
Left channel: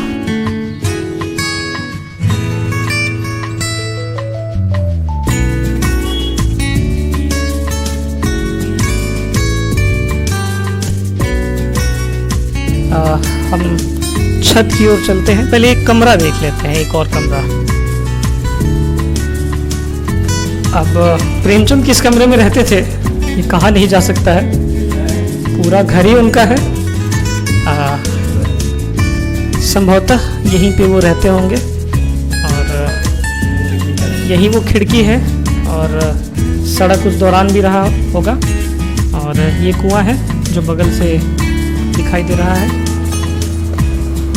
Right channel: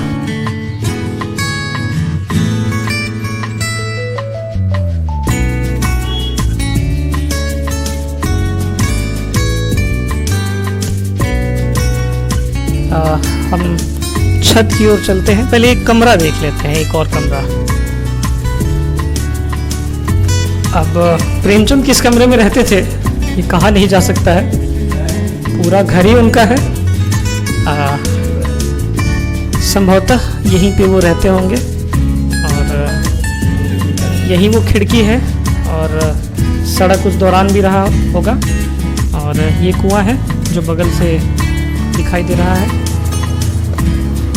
हम छत की ओर चलते हैं, पहले एक कमरा देख लेते हैं, एक और कमरा। अब प्रेमचंद किस कमरे में रहते थे ये कहा नहीं जा सकता है, पूरा घर ही उनका है। संभवतः यहीं पे वो रहते होंगे और यही वो खिड़की है और सड़क उस दौरान भी रहा होगा। और ये कुआं है जो बगल से दिखाई दे रहा है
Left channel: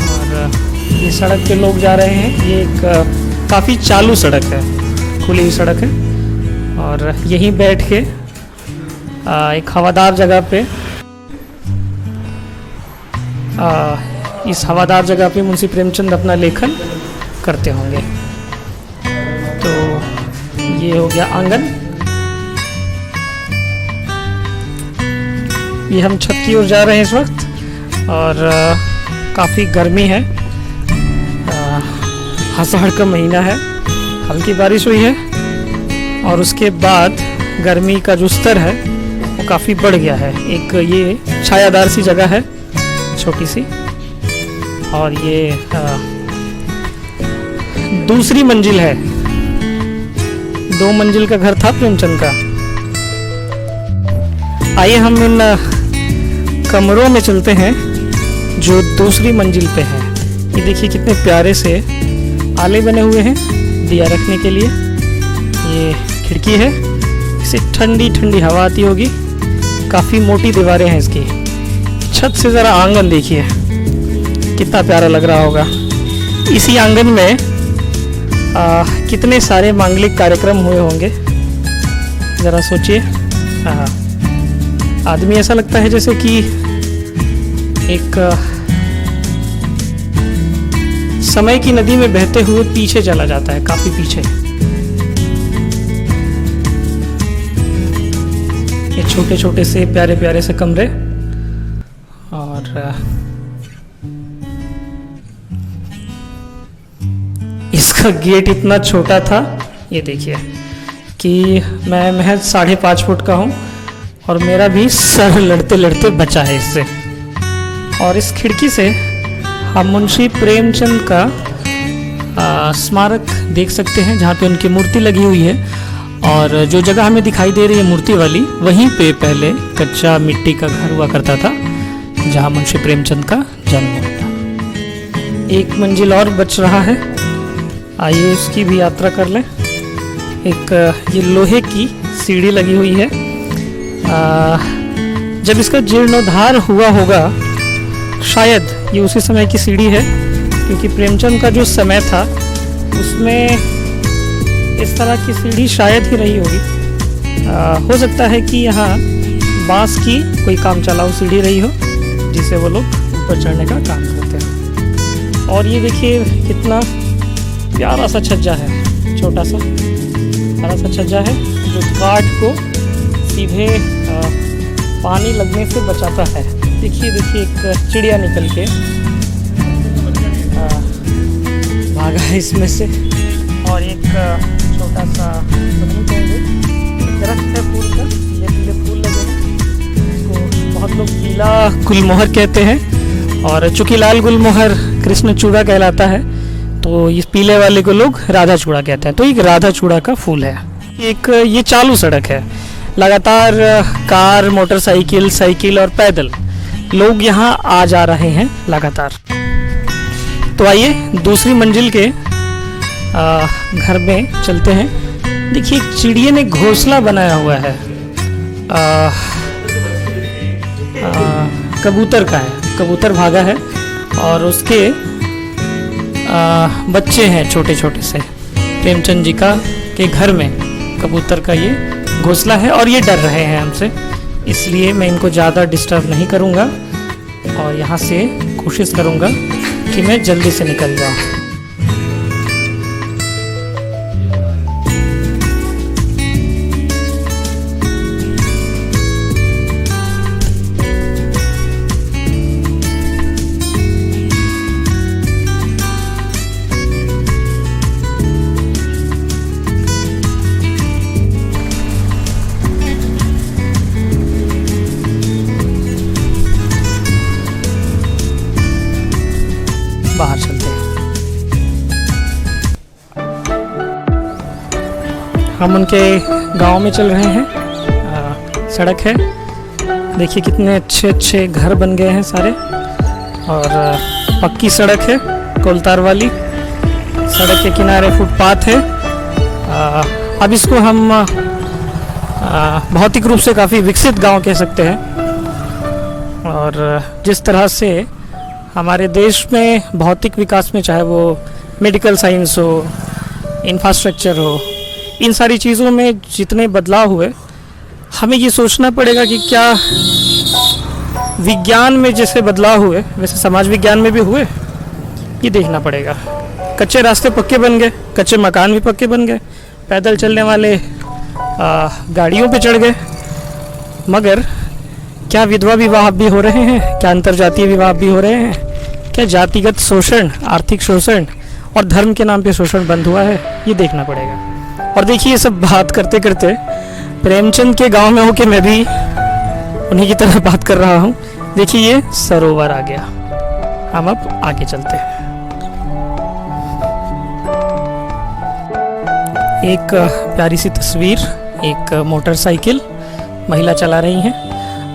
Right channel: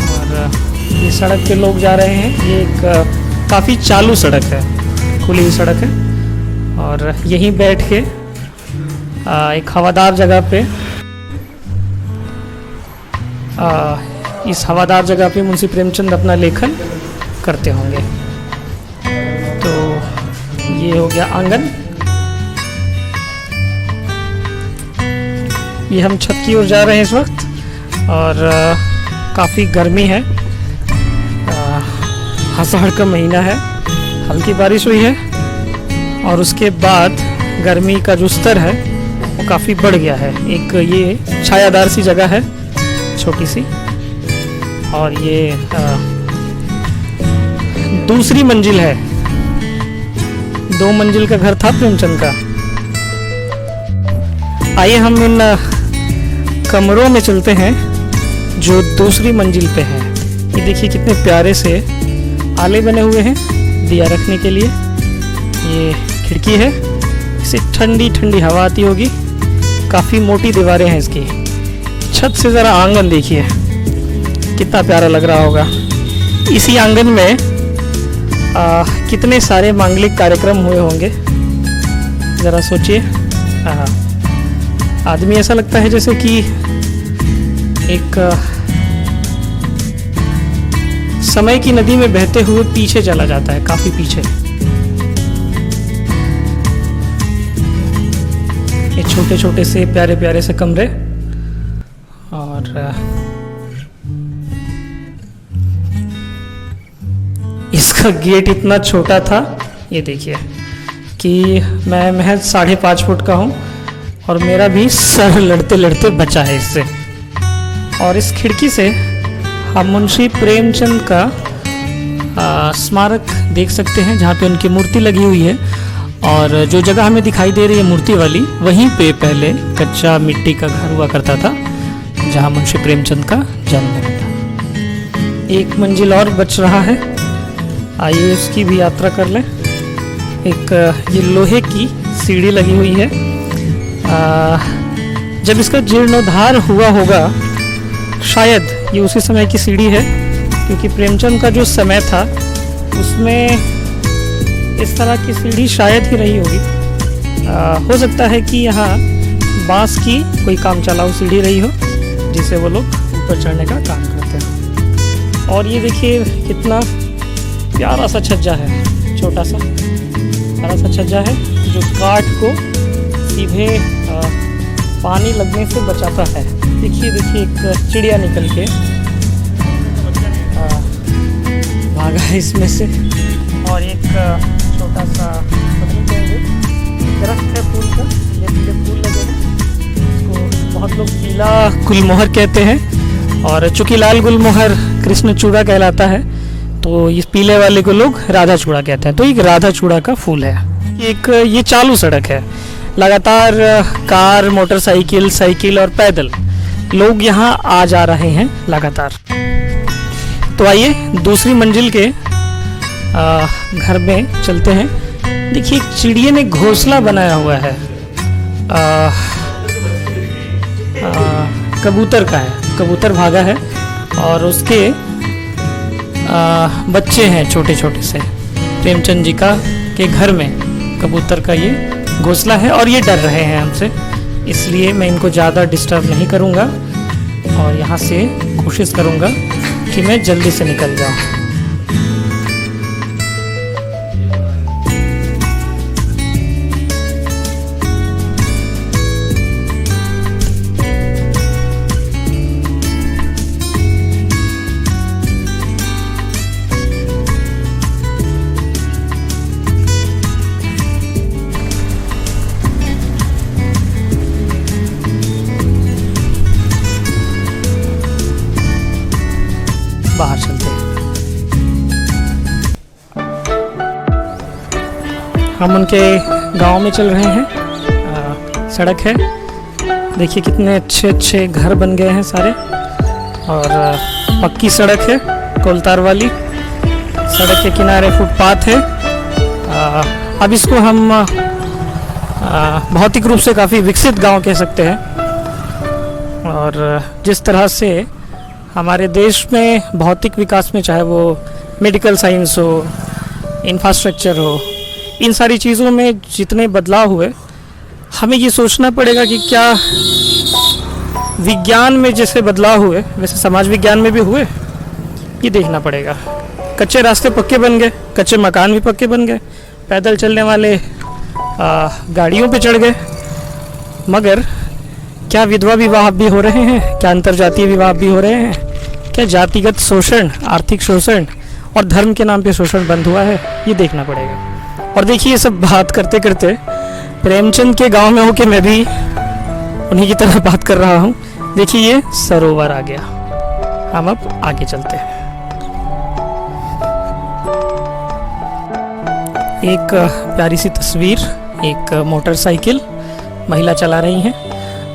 और ये सड़क पे लोग जा रहे हैं। ये एक काफ़ी चालू सड़क है, खुली हुई सड़क है और यहीं बैठ के एक हवादार जगह पे इस हवादार जगह पे मुंशी प्रेमचंद अपना लेखन करते होंगे। तो ये हो गया आंगन। ये हम छत की ओर जा रहे हैं इस वक्त और काफ़ी गर्मी है। आषाढ़ का महीना है, हल्की बारिश हुई है और उसके बाद गर्मी का जो स्तर है वो काफ़ी बढ़ गया है। एक ये छायादार सी जगह है छोटी सी और ये दूसरी मंजिल है। 2 मंजिल का घर था प्रेमचंद का। आइए हम इन कमरों में चलते हैं जो दूसरी मंजिल पे हैं। ये देखिए कितने प्यारे से आले बने हुए हैं दिया रखने के लिए। ये खिड़की है, इससे ठंडी ठंडी हवा आती होगी। काफ़ी मोटी दीवारें हैं इसकी। छत से ज़रा आंगन देखिए कितना प्यारा लग रहा होगा। इसी आंगन में कितने सारे मांगलिक कार्यक्रम हुए होंगे, ज़रा सोचिए। आदमी ऐसा लगता है जैसे कि एक समय की नदी में बहते हुए पीछे चला जाता है, काफी पीछे। ये छोटे छोटे से प्यारे प्यारे से कमरे और इसका गेट इतना छोटा था, ये देखिए कि मैं महज 5.5 फुट का हूँ और मेरा भी सर लड़ते लड़ते बचा है इससे। और इस खिड़की से हम मुंशी प्रेमचंद का स्मारक देख सकते हैं जहाँ पे उनकी मूर्ति लगी हुई है। और जो जगह हमें दिखाई दे रही है मूर्ति वाली, वहीं पे पहले कच्चा मिट्टी का घर हुआ करता था जहाँ मुंशी प्रेमचंद का जन्म हुआ था। एक मंजिल और बच रहा है, आइए उसकी भी यात्रा कर लें। एक ये लोहे की सीढ़ी लगी हुई है। जब इसका जीर्णोद्धार हुआ होगा, शायद ये उसी समय की सीढ़ी है, क्योंकि प्रेमचंद का जो समय था उसमें इस तरह की सीढ़ी शायद ही रही होगी। हो सकता है कि यहाँ बांस की कोई काम चलाऊ सीढ़ी रही हो जिसे वो लोग ऊपर चढ़ने का काम करते हैं। और ये देखिए कितना प्यारा सा छज्जा है, छोटा सा प्यारा सा छज्जा है जो काठ को सीधे पानी लगने से बचाता है। देखिए देखिए एक चिड़िया निकल के भागा है इसमें से। और एक छोटा सा दरख्त है फूल का, पीले पीले फूल लगे हैं। इसको बहुत लोग पीला गुलमोहर कहते हैं और चूंकि लाल गुलमोहर कृष्ण चूड़ा कहलाता है तो इस पीले वाले को लोग राधा चूड़ा कहते हैं। तो एक राधा चूड़ा का फूल है। एक ये चालू सड़क है, लगातार कार, मोटरसाइकिल, साइकिल और पैदल लोग यहाँ आ जा रहे हैं लगातार। तो आइए दूसरी मंजिल के घर में चलते हैं। देखिए एक चिड़िया ने घोंसला बनाया हुआ है, कबूतर का है, कबूतर भागा है और उसके बच्चे हैं छोटे छोटे से। प्रेमचंद जी का के घर में कबूतर का ये घोंसला है और ये डर रहे हैं हमसे, इसलिए मैं इनको ज़्यादा डिस्टर्ब नहीं करूँगा और यहाँ से कोशिश करूँगा कि मैं जल्दी से निकल जाऊँ। बाहर चलते हैं। हम उनके गांव में चल रहे हैं। सड़क है, देखिए कितने अच्छे अच्छे घर बन गए हैं सारे, और पक्की सड़क है, कोलतार वाली। सड़क के किनारे फुटपाथ है। अब इसको हम भौतिक रूप से काफ़ी विकसित गांव कह सकते हैं। और जिस तरह से हमारे देश में भौतिक विकास में, चाहे वो मेडिकल साइंस हो, इंफ्रास्ट्रक्चर हो, इन सारी चीज़ों में जितने बदलाव हुए, हमें ये सोचना पड़ेगा कि क्या विज्ञान में जैसे बदलाव हुए वैसे समाज विज्ञान में भी हुए, ये देखना पड़ेगा। कच्चे रास्ते पक्के बन गए, कच्चे मकान भी पक्के बन गए, पैदल चलने वाले गाड़ियों पे चढ़ गए, मगर क्या विधवा विवाह भी हो रहे हैं? क्या अंतरजातीय विवाह भी हो रहे हैं? क्या जातिगत शोषण, आर्थिक शोषण और धर्म के नाम पे शोषण बंद हुआ है? ये देखना पड़ेगा। और देखिए, ये सब बात करते करते प्रेमचंद के गांव में होके मैं भी उन्हीं की तरह बात कर रहा हूँ। देखिए, ये सरोवर आ गया। हम अब आगे चलते हैं। एक प्यारी सी तस्वीर, एक मोटरसाइकिल महिला चला रही हैं।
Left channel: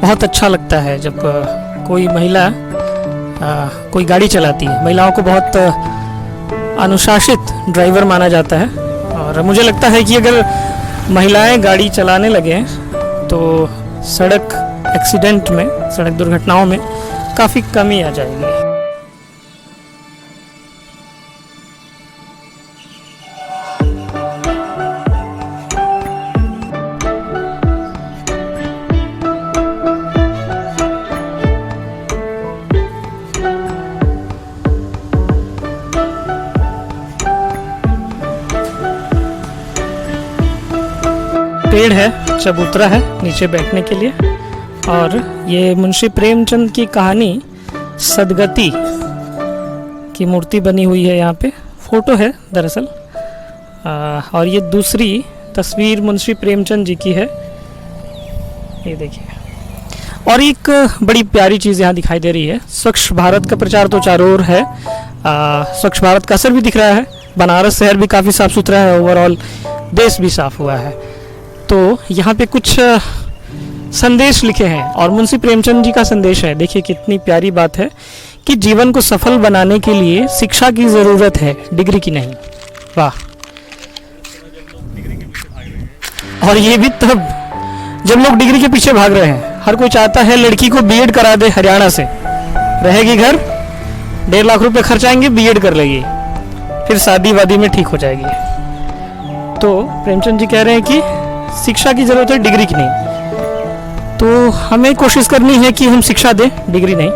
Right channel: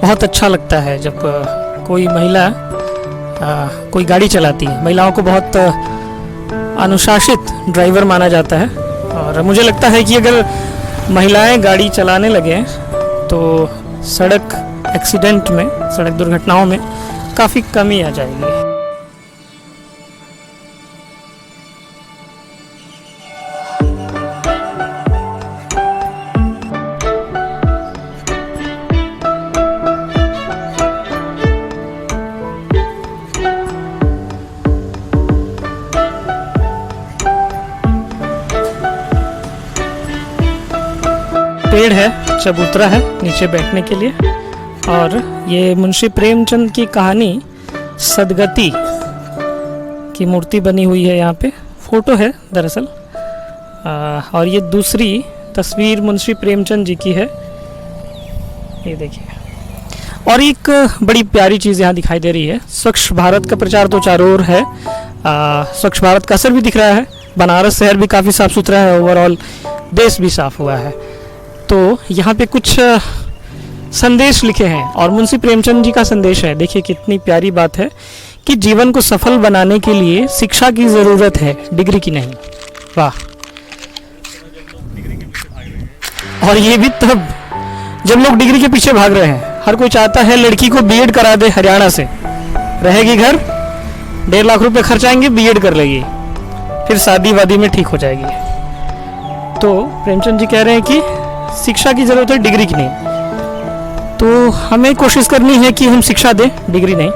बहुत अच्छा लगता है जब कोई महिला कोई गाड़ी चलाती है। महिलाओं को बहुत अनुशासित ड्राइवर माना जाता है, और मुझे लगता है कि अगर महिलाएं गाड़ी चलाने लगें तो सड़क एक्सीडेंट में, सड़क दुर्घटनाओं में काफ़ी कमी आ जाएगी। पेड़ है, चबूतरा है नीचे बैठने के लिए, और ये मुंशी प्रेमचंद की कहानी सदगति की मूर्ति बनी हुई है। यहाँ पे फोटो है दरअसल, और ये दूसरी तस्वीर मुंशी प्रेमचंद जी की है, ये देखिए। और एक बड़ी प्यारी चीज़ यहाँ दिखाई दे रही है। स्वच्छ भारत का प्रचार तो चारों ओर है, स्वच्छ भारत का असर भी दिख रहा है। बनारस शहर भी काफ़ी साफ सुथरा है, ओवरऑल देश भी साफ हुआ है। तो यहाँ पे कुछ संदेश लिखे हैं, और मुंशी प्रेमचंद जी का संदेश है। देखिए कितनी प्यारी बात है कि जीवन को सफल बनाने के लिए शिक्षा की ज़रूरत है, डिग्री की नहीं। वाह। और ये भी तब जब लोग डिग्री के पीछे भाग रहे हैं। हर कोई चाहता है लड़की को बीएड करा दे, हरियाणा से रहेगी घर, 1.5 लाख रुपए खर्चाएंगे, बीएड कर लेगी, फिर शादी वादी में ठीक हो जाएगी। तो प्रेमचंद जी कह रहे हैं कि शिक्षा की जरूरत है, डिग्री की नहीं। तो हमें कोशिश करनी है कि हम शिक्षा दें, डिग्री नहीं।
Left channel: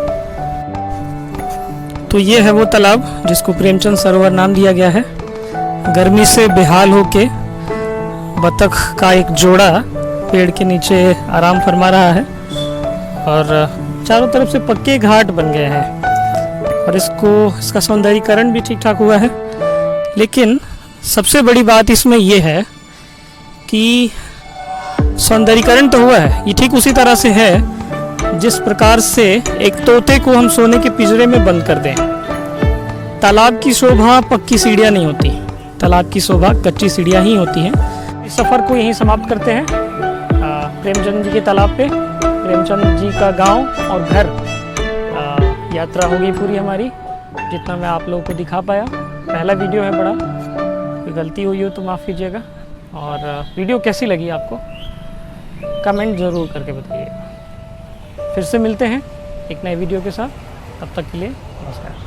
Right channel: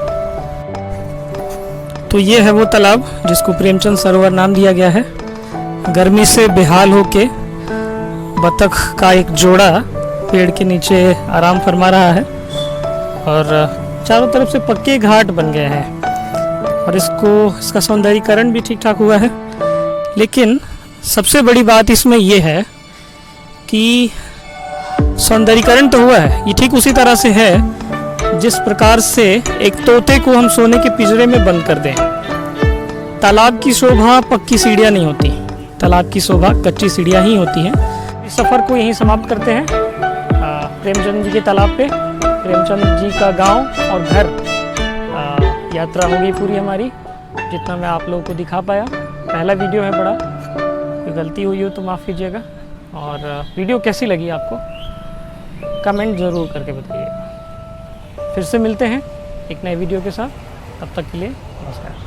तो ये है वो तालाब जिसको प्रेमचंद सरोवर नाम दिया गया है। गर्मी से बेहाल होके बतख का एक जोड़ा पेड़ के नीचे आराम फरमा रहा है, और चारों तरफ से पक्के घाट बन गए हैं, और इसका सौंदर्यीकरण भी ठीक ठाक हुआ है। लेकिन सबसे बड़ी बात इसमें यह है कि सौंदर्यीकरण तो हुआ है, ये ठीक उसी तरह से है जिस प्रकार से एक तोते को हम सोने के पिंजरे में बंद कर दें। तालाब की शोभा पक्की सीढ़ियाँ नहीं होती, तालाब की शोभा कच्ची सीढ़ियाँ ही होती हैं। इस सफ़र को यहीं समाप्त करते हैं, प्रेमचंद जी के तालाब पे, प्रेमचंद जी का गांव और घर। यात्रा हो गई पूरी हमारी, जितना मैं आप लोगों को दिखा पाया। पहला वीडियो है, बड़ा कोई गलती हुई हो तो माफ़ कीजिएगा। और वीडियो कैसी लगी आपको कमेंट ज़रूर करके बताइए। फिर से मिलते हैं एक नए वीडियो के साथ, तब तक के लिए नमस्कार।